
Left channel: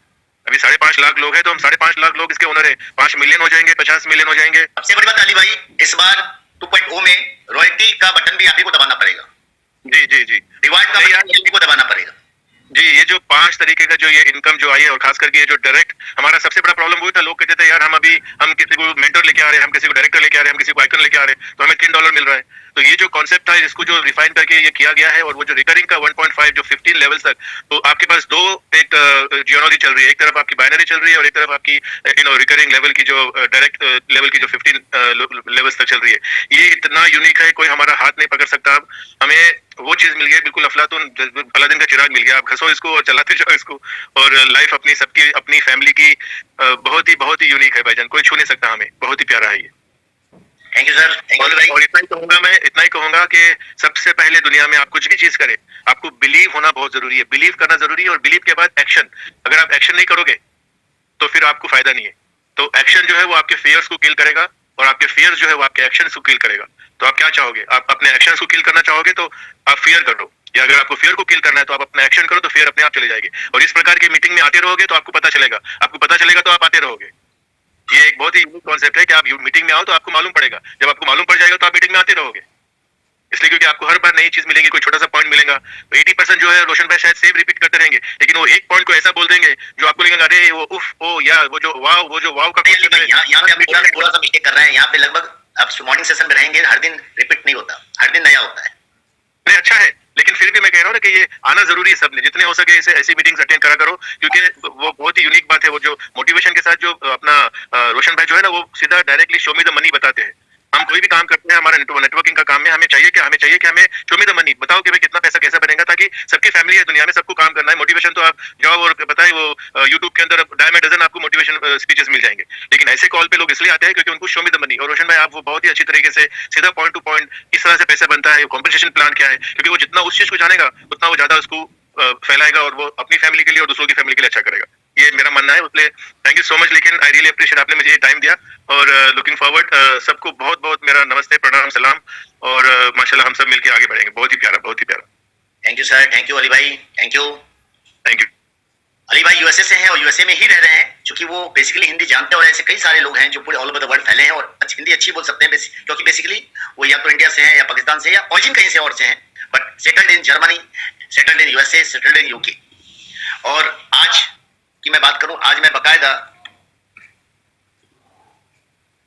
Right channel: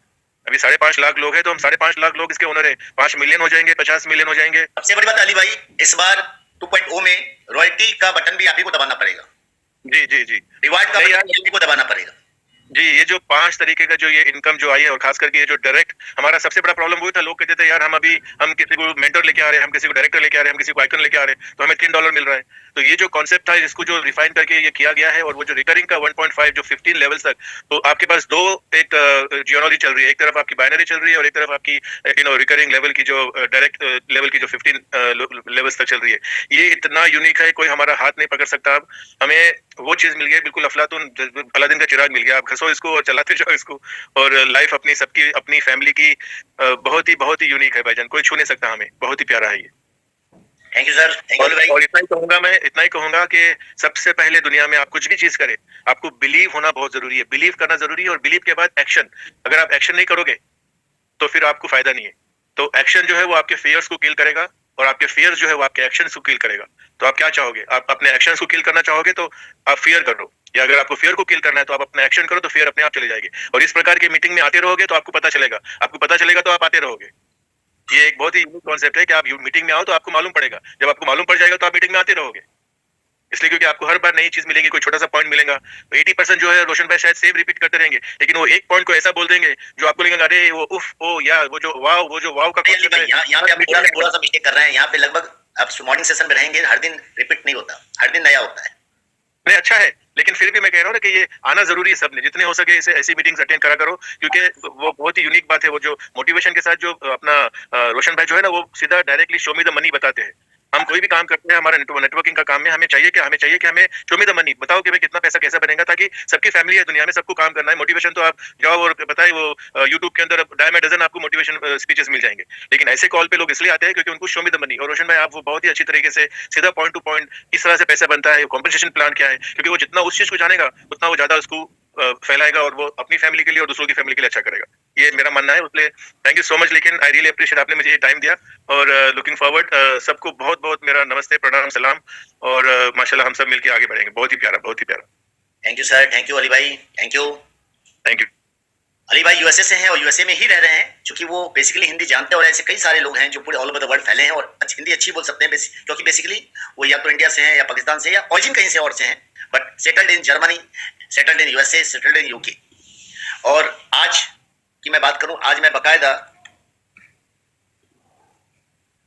अभी 5.5 लाख लोग हैं, तो हम 5.5 लाख लोग इसके ओनर है। 5 मिलियन हो जाएंगे, 50 मिलियन हो जाएंगे। सबसे बड़ी बात अली भाई, इस बार 2.0 में रॉयल्टी का बटन भी आप ही को दबाना पड़ेगा। जी जी जी, रिवार्ड का बटन आप ही को दबाना पड़ेगा। जी, ये जो 5 तरीके का जो ये इनकम जो आई है, और खास करके ये जो डायरेक्ट, हमारा सबसे बड़ा प्रॉब्लम हुआ था, लोग कहते थे यार हम किसी को मेंटर लेके आ रहे हैं, हम किसी को डायरेक्टर लेके आ रहे हैं, हम किसी को आइकन लेके आ रहे हैं, तो हमें $3 मिल रहा है। तो ये जो कॉन्सेप्ट था, इसको जो रिफाइन करके ये किया गया है, और वो जो रिकरिंग का 1.5 जो 15 लेवल तक, तो आपके पास दो एक जियोलॉजी चल रही है, एक तरफ आपकी बाइनरी चल रही है, और एक तरफ आपकी रिकरिंग लेवल की जो डायरेक्ट लेवल की जो 15 लेवल्स तक चल रही है। ये इतना यूनिक है, कोई हमारा हाथ नहीं पकड़ सकता। अब हमें वो चीज मिल गई, बिल्कुल अफलातून अलादीन का चिराग मिल गया। आप घसो इसको और चलाते जाओ इसको, और लाइफ अपनी सबकी अपनी फैमिली की बहुत ही यूनिक है भाईजान, कोई छू नहीं सकता हमें। बहुत ही प्यारा है ये। Thank you sir, thank you भाई। और इतना ही कहूंगा कि सबसे पहले दुनिया में आप कुछ भी चीज करें, आपको बिलीव होना बहुत जरूरी है, बिलीव करना जरूरी है, और बिलीव के बाद एक्शन। अगर आप एक्शन नहीं करोगे तो फिर आपको फायदा नहीं है। तो एक्शन जो है वो आपके फियर्स को किल करेगा, और आपके फियर्स जो है वो आपके एक्शन को किल करेगा। तो आप क्या चाहोगे? आप अपने एक्शन को किल करना चाहोगे तो आप फियर करो, या अगर आपको फियर को किल करना है तो आप अपना एक्शन करो, तो फियर अपने आप चले जाएगी। और इस प्रकार की मीटिंग में आते रहोगे तो आपको पता चलेगा तो आप आते रहोगे। ये एक बहुत ही यूनिक कॉन्सेप्ट है कि आप मीटिंग में आओ तो आपको मालूम पड़ेगा, जब आपको मालूम पड़ जाएगा तो आप मीटिंग में आते रहोगे। इसलिए क्योंकि आपको हर बार नई चीज मिलेगी, कोई छोटा सा पॉइंट मिलेगा। तो 80% जो है रोशन भाई शायद सेम रिपीट करते रहेंगे, लेकिन वो एक पॉइंट को ऐसा बोल देंगे जो आपको लगेगा अरे वो उफ ओ यार वो जो वाव का यहाँ पे आप थोड़ा सा मिस्टेक कर रहे हैं। यहाँ पे लगभग आप मॉर्निंग सेशन में रहेंगे, हर दिन रिपीट नहीं होता, हर दिन नया होता है। नहीं, अच्छा है, लेकिन फिर भी मैं कह रहा हूँ ना कि ये आना जरूरी है। सबने जितने हो सके इसे ऐसी मीटिंग्स अटेंड करा करो, क्योंकि वो बहुत ही यूनिक बात है। वो जो मोटिवेशन के साथ जो अपना रोशन भाई जो है ना, वो सीधा directly show me the money बताते हैं। हम कोई भी काम करते हैं हमारा नेटवर्किंग का काम में, हमें चाहिए कि हमें शो मी द मनी बताओ कि भाई कितना पैसा कैसे बनेगा, ताकि सबकी फैमिली है दुनिया में, सबको काम करना है। मोटिवेशन तो आप जाओ और बताएं, वो यूट्यूब के अंदर डायम डजन आपको मोटिवेशन स्पीचेस मिल जाएंगे, लेकिन ऐसे कॉल पे लोग इसलिए आते हैं क्योंकि उनको शो मी द मनी। और रोशन भाई आप वो बहुत ही अच्छी तरीके से सीधा पॉइंट टू पॉइंट किस तरह से पैसा बनता है, कॉम्पनसेशन प्लान क्या है, क्योंकि वो जितना उस चीज को जानेगा उतना वो ज्यादा उसको फैलाएगा, और वो अपनी फैमिली के लिए और दूसरों की फैमिली के लिए अच्छा करेगा। ये मेरा मानना है। इसलिए थैंक यू सो मच। लेकिन आई रियली अप्रिशिएट आपने मुझे ये टाइम दिया, और लुकिंग फॉरवर्ड। सबको बहुत बहुत मेरा नमस्ते, प्रणाम, सलाम, और माशाल्लाह हम सब मिलके आगे बढ़ेंगे। बहुत ही प्यारा, बहुत ही प्यारा। Thank you sir, thank you Ali भाई, thank you. Thank you. Ali भाई यूएसए से हैं और यूएसए में ही रह रहे हैं, क्योंकि वो बेसिकली हिंदी जानते हैं, और ऐसे कई सारे लोग हैं जो पूरे ऑल ओवर द वर्ल्ड फैले हैं और हिंदी अच्छी बोल सकते हैं, क्योंकि बेसिकली वो या तो इंडिया से हैं या पाकिस्तान से या ऑरिजिन कहीं से और से हैं, but settled in Germany, settled in USA, settled in UK. और आज की मैं बात करूं, आज मैं बकायदा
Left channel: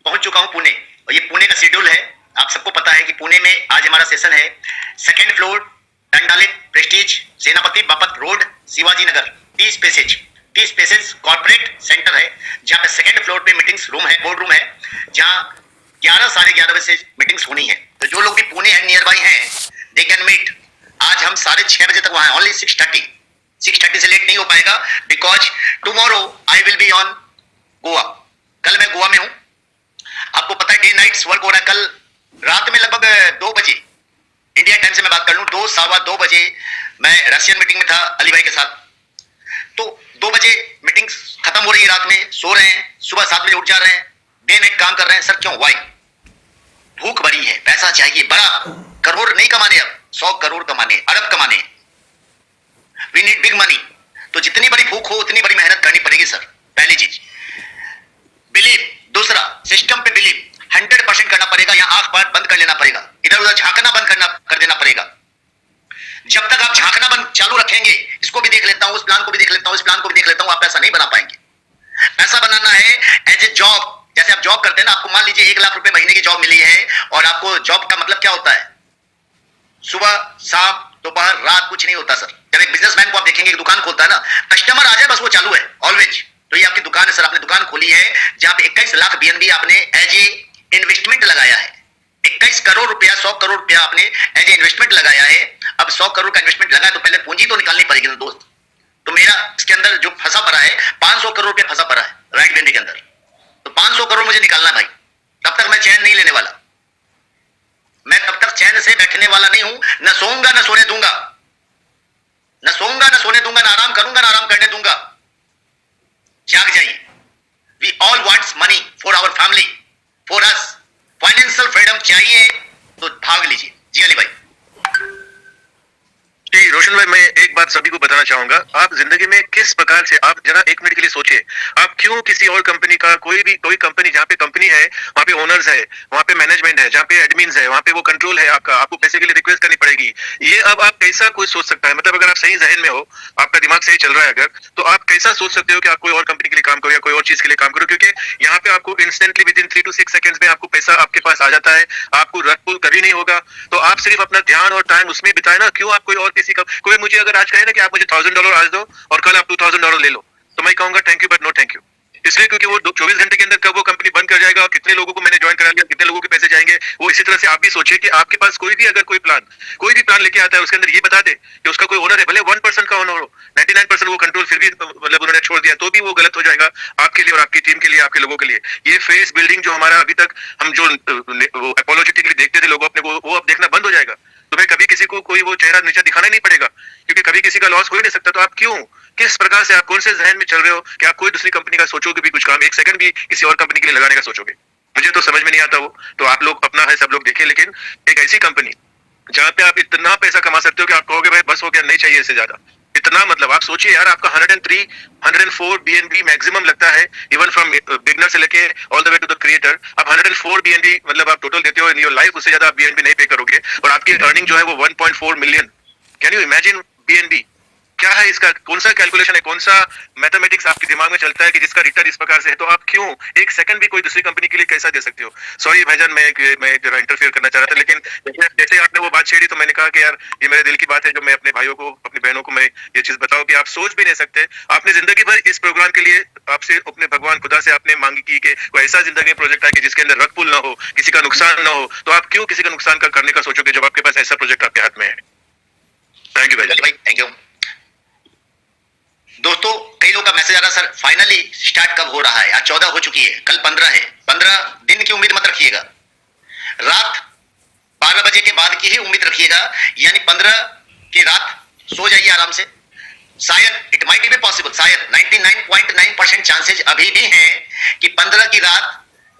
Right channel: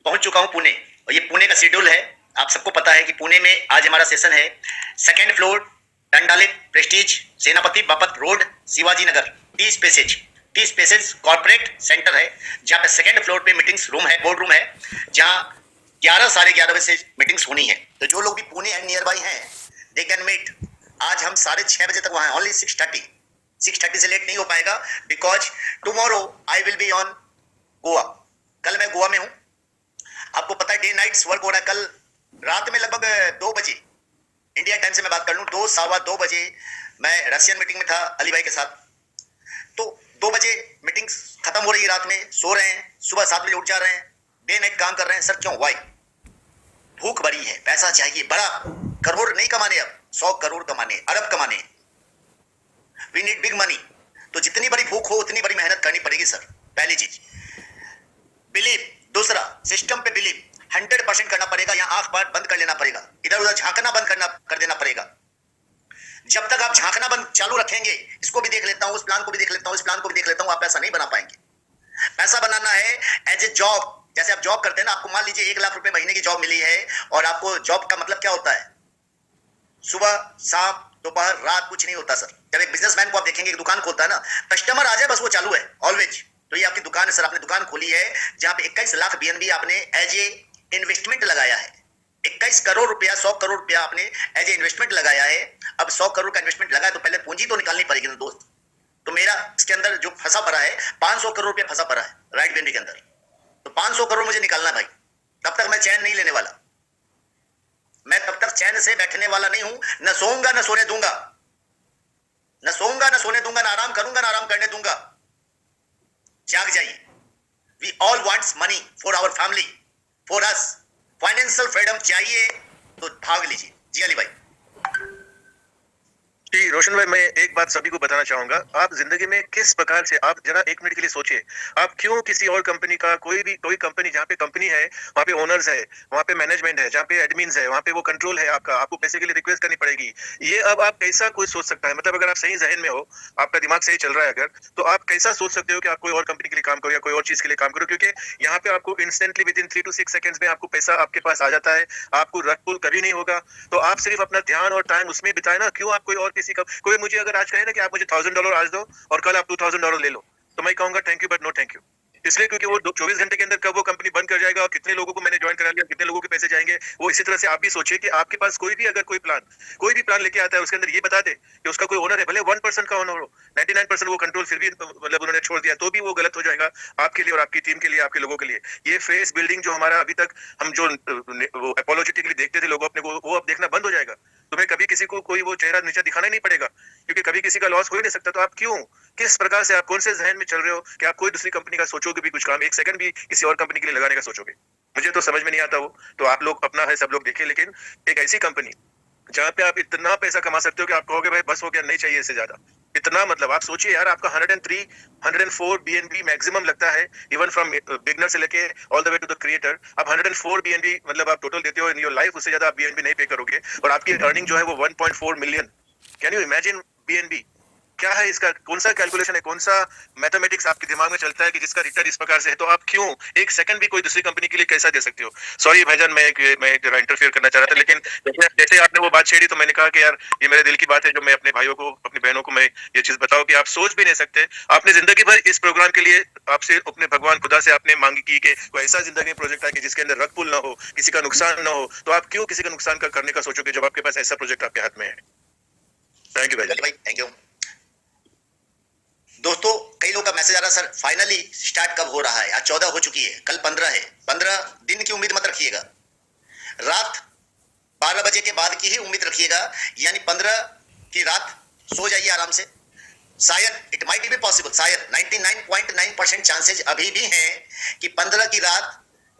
पहुंच चुका हूं पुणे, और ये पुणे का शेड्यूल है। आप सबको पता है कि पुणे में आज हमारा सेशन है 2nd फ्लोर, डंडालिक प्रेस्टीज, सेनापति Bapat road, Shivaji Nagar, T spaces corporate centre है, जहाँ पे 2nd फ्लोर पे मीटिंग्स रूम है, बोर्ड रूम है, जहाँ 11 साढ़े 11 बजे से मीटिंग्स होनी है। तो जो लोग भी पुणे है नियर बाई हैं, दे कैन मीट। आज हम 6:30 बजे तक वहां हैं, ओनली 6:30 से लेट नहीं हो पाएगा, because tomorrow I will be on Goa. कल मैं गोवा में हूं, आपको पता है डे नाइट्स वर्क हो रहा है। कल रात में लगभग 2 बजे इंडिया टाइम से मैं बात कर लूं, 2 सवा 2 बजे मैं रशियन मीटिंग में था अली भाई के साथ। तो 2 बजे मीटिंग खत्म हो रही है, रात में सो रहे हैं, सुबह 7 बजे उठ जा रहे हैं, डे नाइट काम कर रहे हैं। सर क्यों? वाई? भूख बड़ी है, पैसा चाहिए बड़ा, करोड़ नहीं कमाने, अब 100 करोड़ कमाने, अरब कमाने, वी नीड बिग मनी। तो जितनी बड़ी भूख हो उतनी बड़ी मेहनत करनी पड़ेगी सर, पहली चीज। बिलीव, दूसरा सिस्टम पे बिलीव 100% करना पड़ेगा, या आंख बार बंद कर लेना पड़ेगा, इधर उधर झांकना बंद कर देना पड़ेगा। जब तक आप झांकना बंद चालू रखेंगे, इसको भी देख लेता हूं, उस प्लान को भी देख लेता हूं, इस प्लान को भी देख लेता हूं, आप पैसा नहीं बना पाएंगे। पैसा बनाना है एज ए जॉब। जैसे आप जॉब करते हैं ना, आपको मान लीजिए 1 लाख रुपए महीने की जॉब मिली है, और आपको जॉब का मतलब क्या होता है? सुबह शाम दोपहर रात कुछ नहीं होता सर। जब एक बिजनेसमैन को आप देखेंगे, एक दुकान खोलता है ना, कस्टमर आ जाए बस वो चालू है ऑलवेज। तो ये आपकी दुकान है सर, आपने दुकान खोली है जहां पे 21 लाख बीएनबी आपने एज ए इन्वेस्टमेंट लगाया है। 21 करोड़ रुपया, 100 करोड़ रुपया आपने एज ए इन्वेस्टमेंट लगाया है। अब 100 करोड़ का इन्वेस्टमेंट लगा है, तो पहले पूंजी तो निकालनी पड़ेगी ना दोस्त। तो मेरा इसके अंदर जो फंसा पड़ा है 500 करोड़ रुपया फंसा पड़ा है राइट बीएनबी के अंदर। तो 500 करोड़ मुझे निकालना भाई, तब तक मैं चैन नहीं लेने वाला। मैं तब तक चैन से बैठने वाला नहीं हूं, न सोऊंगा न सोने दूंगा, न सोऊंगा न सोने दूंगा, न आराम करूंगा न आराम करने दूंगा। जाग जाइए। We all wants money for our family, for us. Financial freedom चाहिए तो भाग लीजिए। जी अली भाई। जी रोशन भाई, मैं एक बात सभी को बताना चाहूंगा। आप जिंदगी में किस प्रकार से, आप जरा 1 मिनट के लिए सोचिए, आप क्यों किसी और कंपनी का, कोई कंपनी जहाँ पे कंपनी है वहाँ पे ओनर्स है, वहाँ पे मैनेजमेंट है, जहाँ पे एडमिन्स है, वहाँ पे वो कंट्रोल है आपका, आपको पैसे के लिए रिक्वेस्ट करनी पड़ेगी। ये अब आप कैसा कोई सोच सकता है? मतलब अगर आप सही जहन में हो, आपका दिमाग सही चल रहा है अगर, तो आप कैसा सोच सकते हो कि आप कोई और कंपनी के लिए काम करो या कोई और चीज के लिए काम करो? क्योंकि यहाँ पे आपको instantly with in 3 to 6 seconds में आपको पैसा आपके पास आ जाता है, आपको रख पुल कभी नहीं होगा। तो आप सिर्फ अपना ध्यान और टाइम उसमें बिताए ना। क्यों आप कोई और किसी का, कोई मुझे अगर आज कहे ना कि आप मुझे $1000 आज दो और कल आप $2000 ले लो, तो मैं कहूंगा thank you but no thank you. इसलिए क्योंकि वो 24 घंटे के अंदर कब वो कंपनी बंद कर जाएगा और कितने लोगों को मैंने ज्वाइन करा लिया, कितने लोगों के पैसे जाएंगे। वो इसी तरह से आप भी सोचिए कि आपके पास कोई भी अगर कोई भी प्लान लेके आता है, उसके अंदर ये बता दे कि उसका कोई ओनर है, भले 1% का ओनर हो, 99% वो कंट्रोल फिर भी मतलब उन्होंने छोड़ दिया, तो भी वो गलत हो जाएगा आपके लिए और आपकी टीम के लिए, आपके लोगों के लिए। ये फेस बिल्डिंग जो हमारा अभी तक हम जो एपोलॉजेटिकली देखते थे लोगों अपने को, वो अब देखना बंद हो जाएगा। तुम्हें कभी किसी को कोई वो चेहरा नीचे दिखाना ही नहीं पड़ेगा, क्योंकि कभी किसी का लॉस हो ही नहीं सकता। तो आप क्यों, किस प्रकार से, आप कौन से जहन में चल रहे हो कि आप कोई दूसरी कंपनी का सोचोगे भी कुछ काम, 1 सेकंड भी किसी और कंपनी के लिए लगाने का सोचोगे? मुझे तो समझ में नहीं आता वो। तो आप लोग अपना है, सब लोग देखिए, लेकिन एक ऐसी कंपनी जहाँ पे आप इतना पैसा कमा सकते हो कि आप कहोगे भाई बस हो गया, नहीं चाहिए इससे ज्यादा। इतना मतलब आप सोचिए यार, आपका 103, 104 BNB मैक्सिमम लगता है, इवन फ्रॉम बिगनर से लेके all the way to the creator. आप 104 BNB मतलब आप टोटल देते हो इन योर लाइफ, उससे ज्यादा आप BNB नहीं पे करोगे, और आपकी अर्निंग जो है वो 1.4 million. Can you imagine BNB? क्या है इसका, कौन सा कैलकुलेशन है, कौन सा मैथमेटिक्स आपके दिमाग में चलता है कि जिसका रिटर्न इस प्रकार से है? तो आप क्यों 1 सेकंड भी कोई दूसरी कंपनी के लिए कैसा दे सकते हो? सॉरी भाईजान, मैं जरा इंटरफेयर करना चाह रहा था, लेकिन जैसे आपने वो बात छेड़ी तो मैंने कहा कि यार ये मेरे दिल की बात है, जो मैं अपने भाइयों को, अपनी बहनों को मैं ये चीज बताऊं कि आप सोच भी नहीं सकते। आपने जिंदगी भर इस प्रोग्राम के लिए आपसे अपने भगवान खुदा से आपने मांगी की कि कोई ऐसा जिंदगी में प्रोजेक्ट है कि जिसके अंदर रग पुल ना हो, किसी का नुकसान ना हो। तो आप क्यों किसी का नुकसान करने का सोचोगे जब आपके पास ऐसा प्रोजेक्ट आपके हाथ में है? थैंक यू भाई, थैंक यू। दोस्तों, कई लोग का मैसेज आ रहा है, सर फाइनली स्टार्ट कब हो रहा है? आज 14 हो चुकी है, कल 15 है। 15 दिन की उम्मीद मत रखिएगा, रात 12 बजे के बाद की ही उम्मीद रखिएगा। यानी 15 की रात सो जाइए आराम से। शायद इट माइट बी पॉसिबल, शायद 99.9% चांसेज अभी भी हैं कि 15 की रात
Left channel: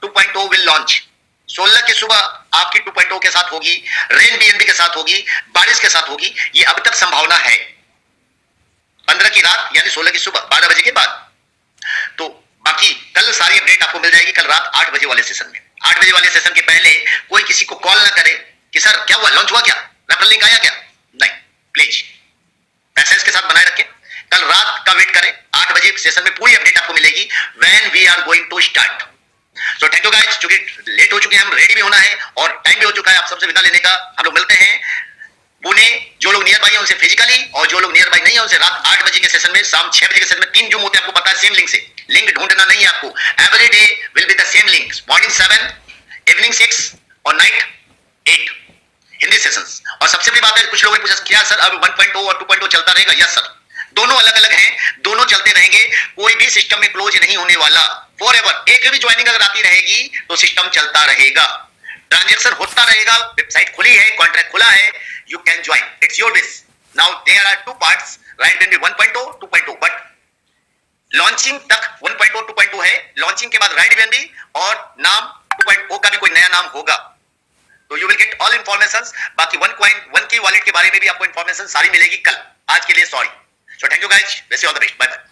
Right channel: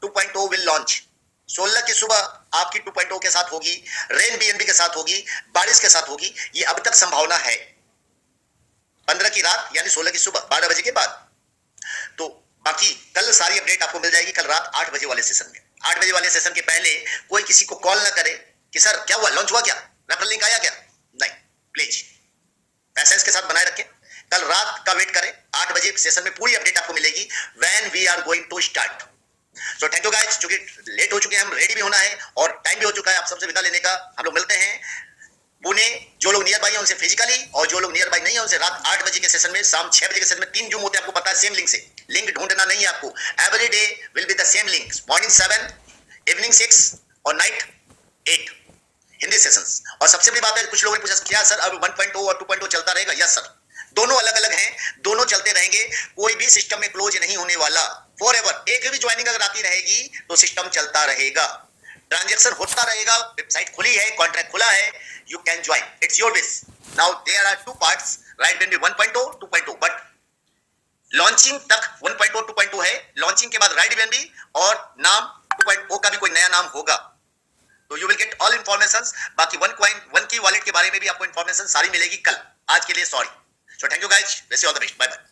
2.0 विल लॉन्च। 16 की सुबह आपकी 2.0 के साथ होगी, रेन BNB के साथ होगी, बारिश के साथ होगी। ये अब तक संभावना है। 15 की रात यानी 16 की सुबह 12 बजे के बाद। तो बाकी कल सारी अपडेट आपको मिल जाएगी, कल रात 8 बजे वाले सेशन में। 8 बजे वाले सेशन के पहले कोई किसी को कॉल ना करे कि सर क्या हुआ, लॉन्च हुआ क्या, रेफरल लिंक आया क्या? नहीं, प्लीज पैसेंस के साथ बनाए रखें। कल रात का वेट करें, 8 बजे सेशन में पूरी अपडेट आपको मिलेगी, when we are going to start. So thank you guys, चूंकि लेट हो चुके हैं, हम रेडी भी होना है और टाइम भी हो चुका है आप सबसे विदा लेने का। हम लोग मिलते हैं पुणे, जो लोग नियर बाई है उनसे फिजिकली, और जो लोग नियर बाई नहीं है उनसे रात 8 बजे के सेशन में, शाम 6 बजे के सेशन में। 3 जूम होते हैं, आपको पता है, सेम लिंक से। लिंक ढूंढना नहीं है आपको, every day will be the same link. Morning 7, evening और नाइट 8 हिंदी सेशंस। और सबसे बड़ी बात है, कुछ लोगों ने पूछा क्या सर अब 1.0 और 2.0 चलता रहेगा? यस सर, दोनों अलग अलग हैं, दोनों चलते रहेंगे, कोई भी सिस्टम में क्लोज नहीं होने वाला, फॉरएवर। एक भी ज्वाइनिंग अगर आती रहेगी तो सिस्टम चलता रहेगा, ट्रांजैक्शन होता रहेगा, वेबसाइट खुली है, कॉन्ट्रैक्ट खुला है, you can join, it's your wish. Now there are two parts, right BNB 1.0 2.0, but launching तक 1.0 2.0 है, लॉन्चिंग के बाद राइट बीएनबी और नाम 2.0 का भी कोई नया नाम होगा, तो you will get all information. बाकी 1 की वॉलेट के बारे में भी आपको इंफॉर्मेशन सारी मिलेगी कल। आज के लिए sorry, so thank you guys, wish you all the best, bye bye.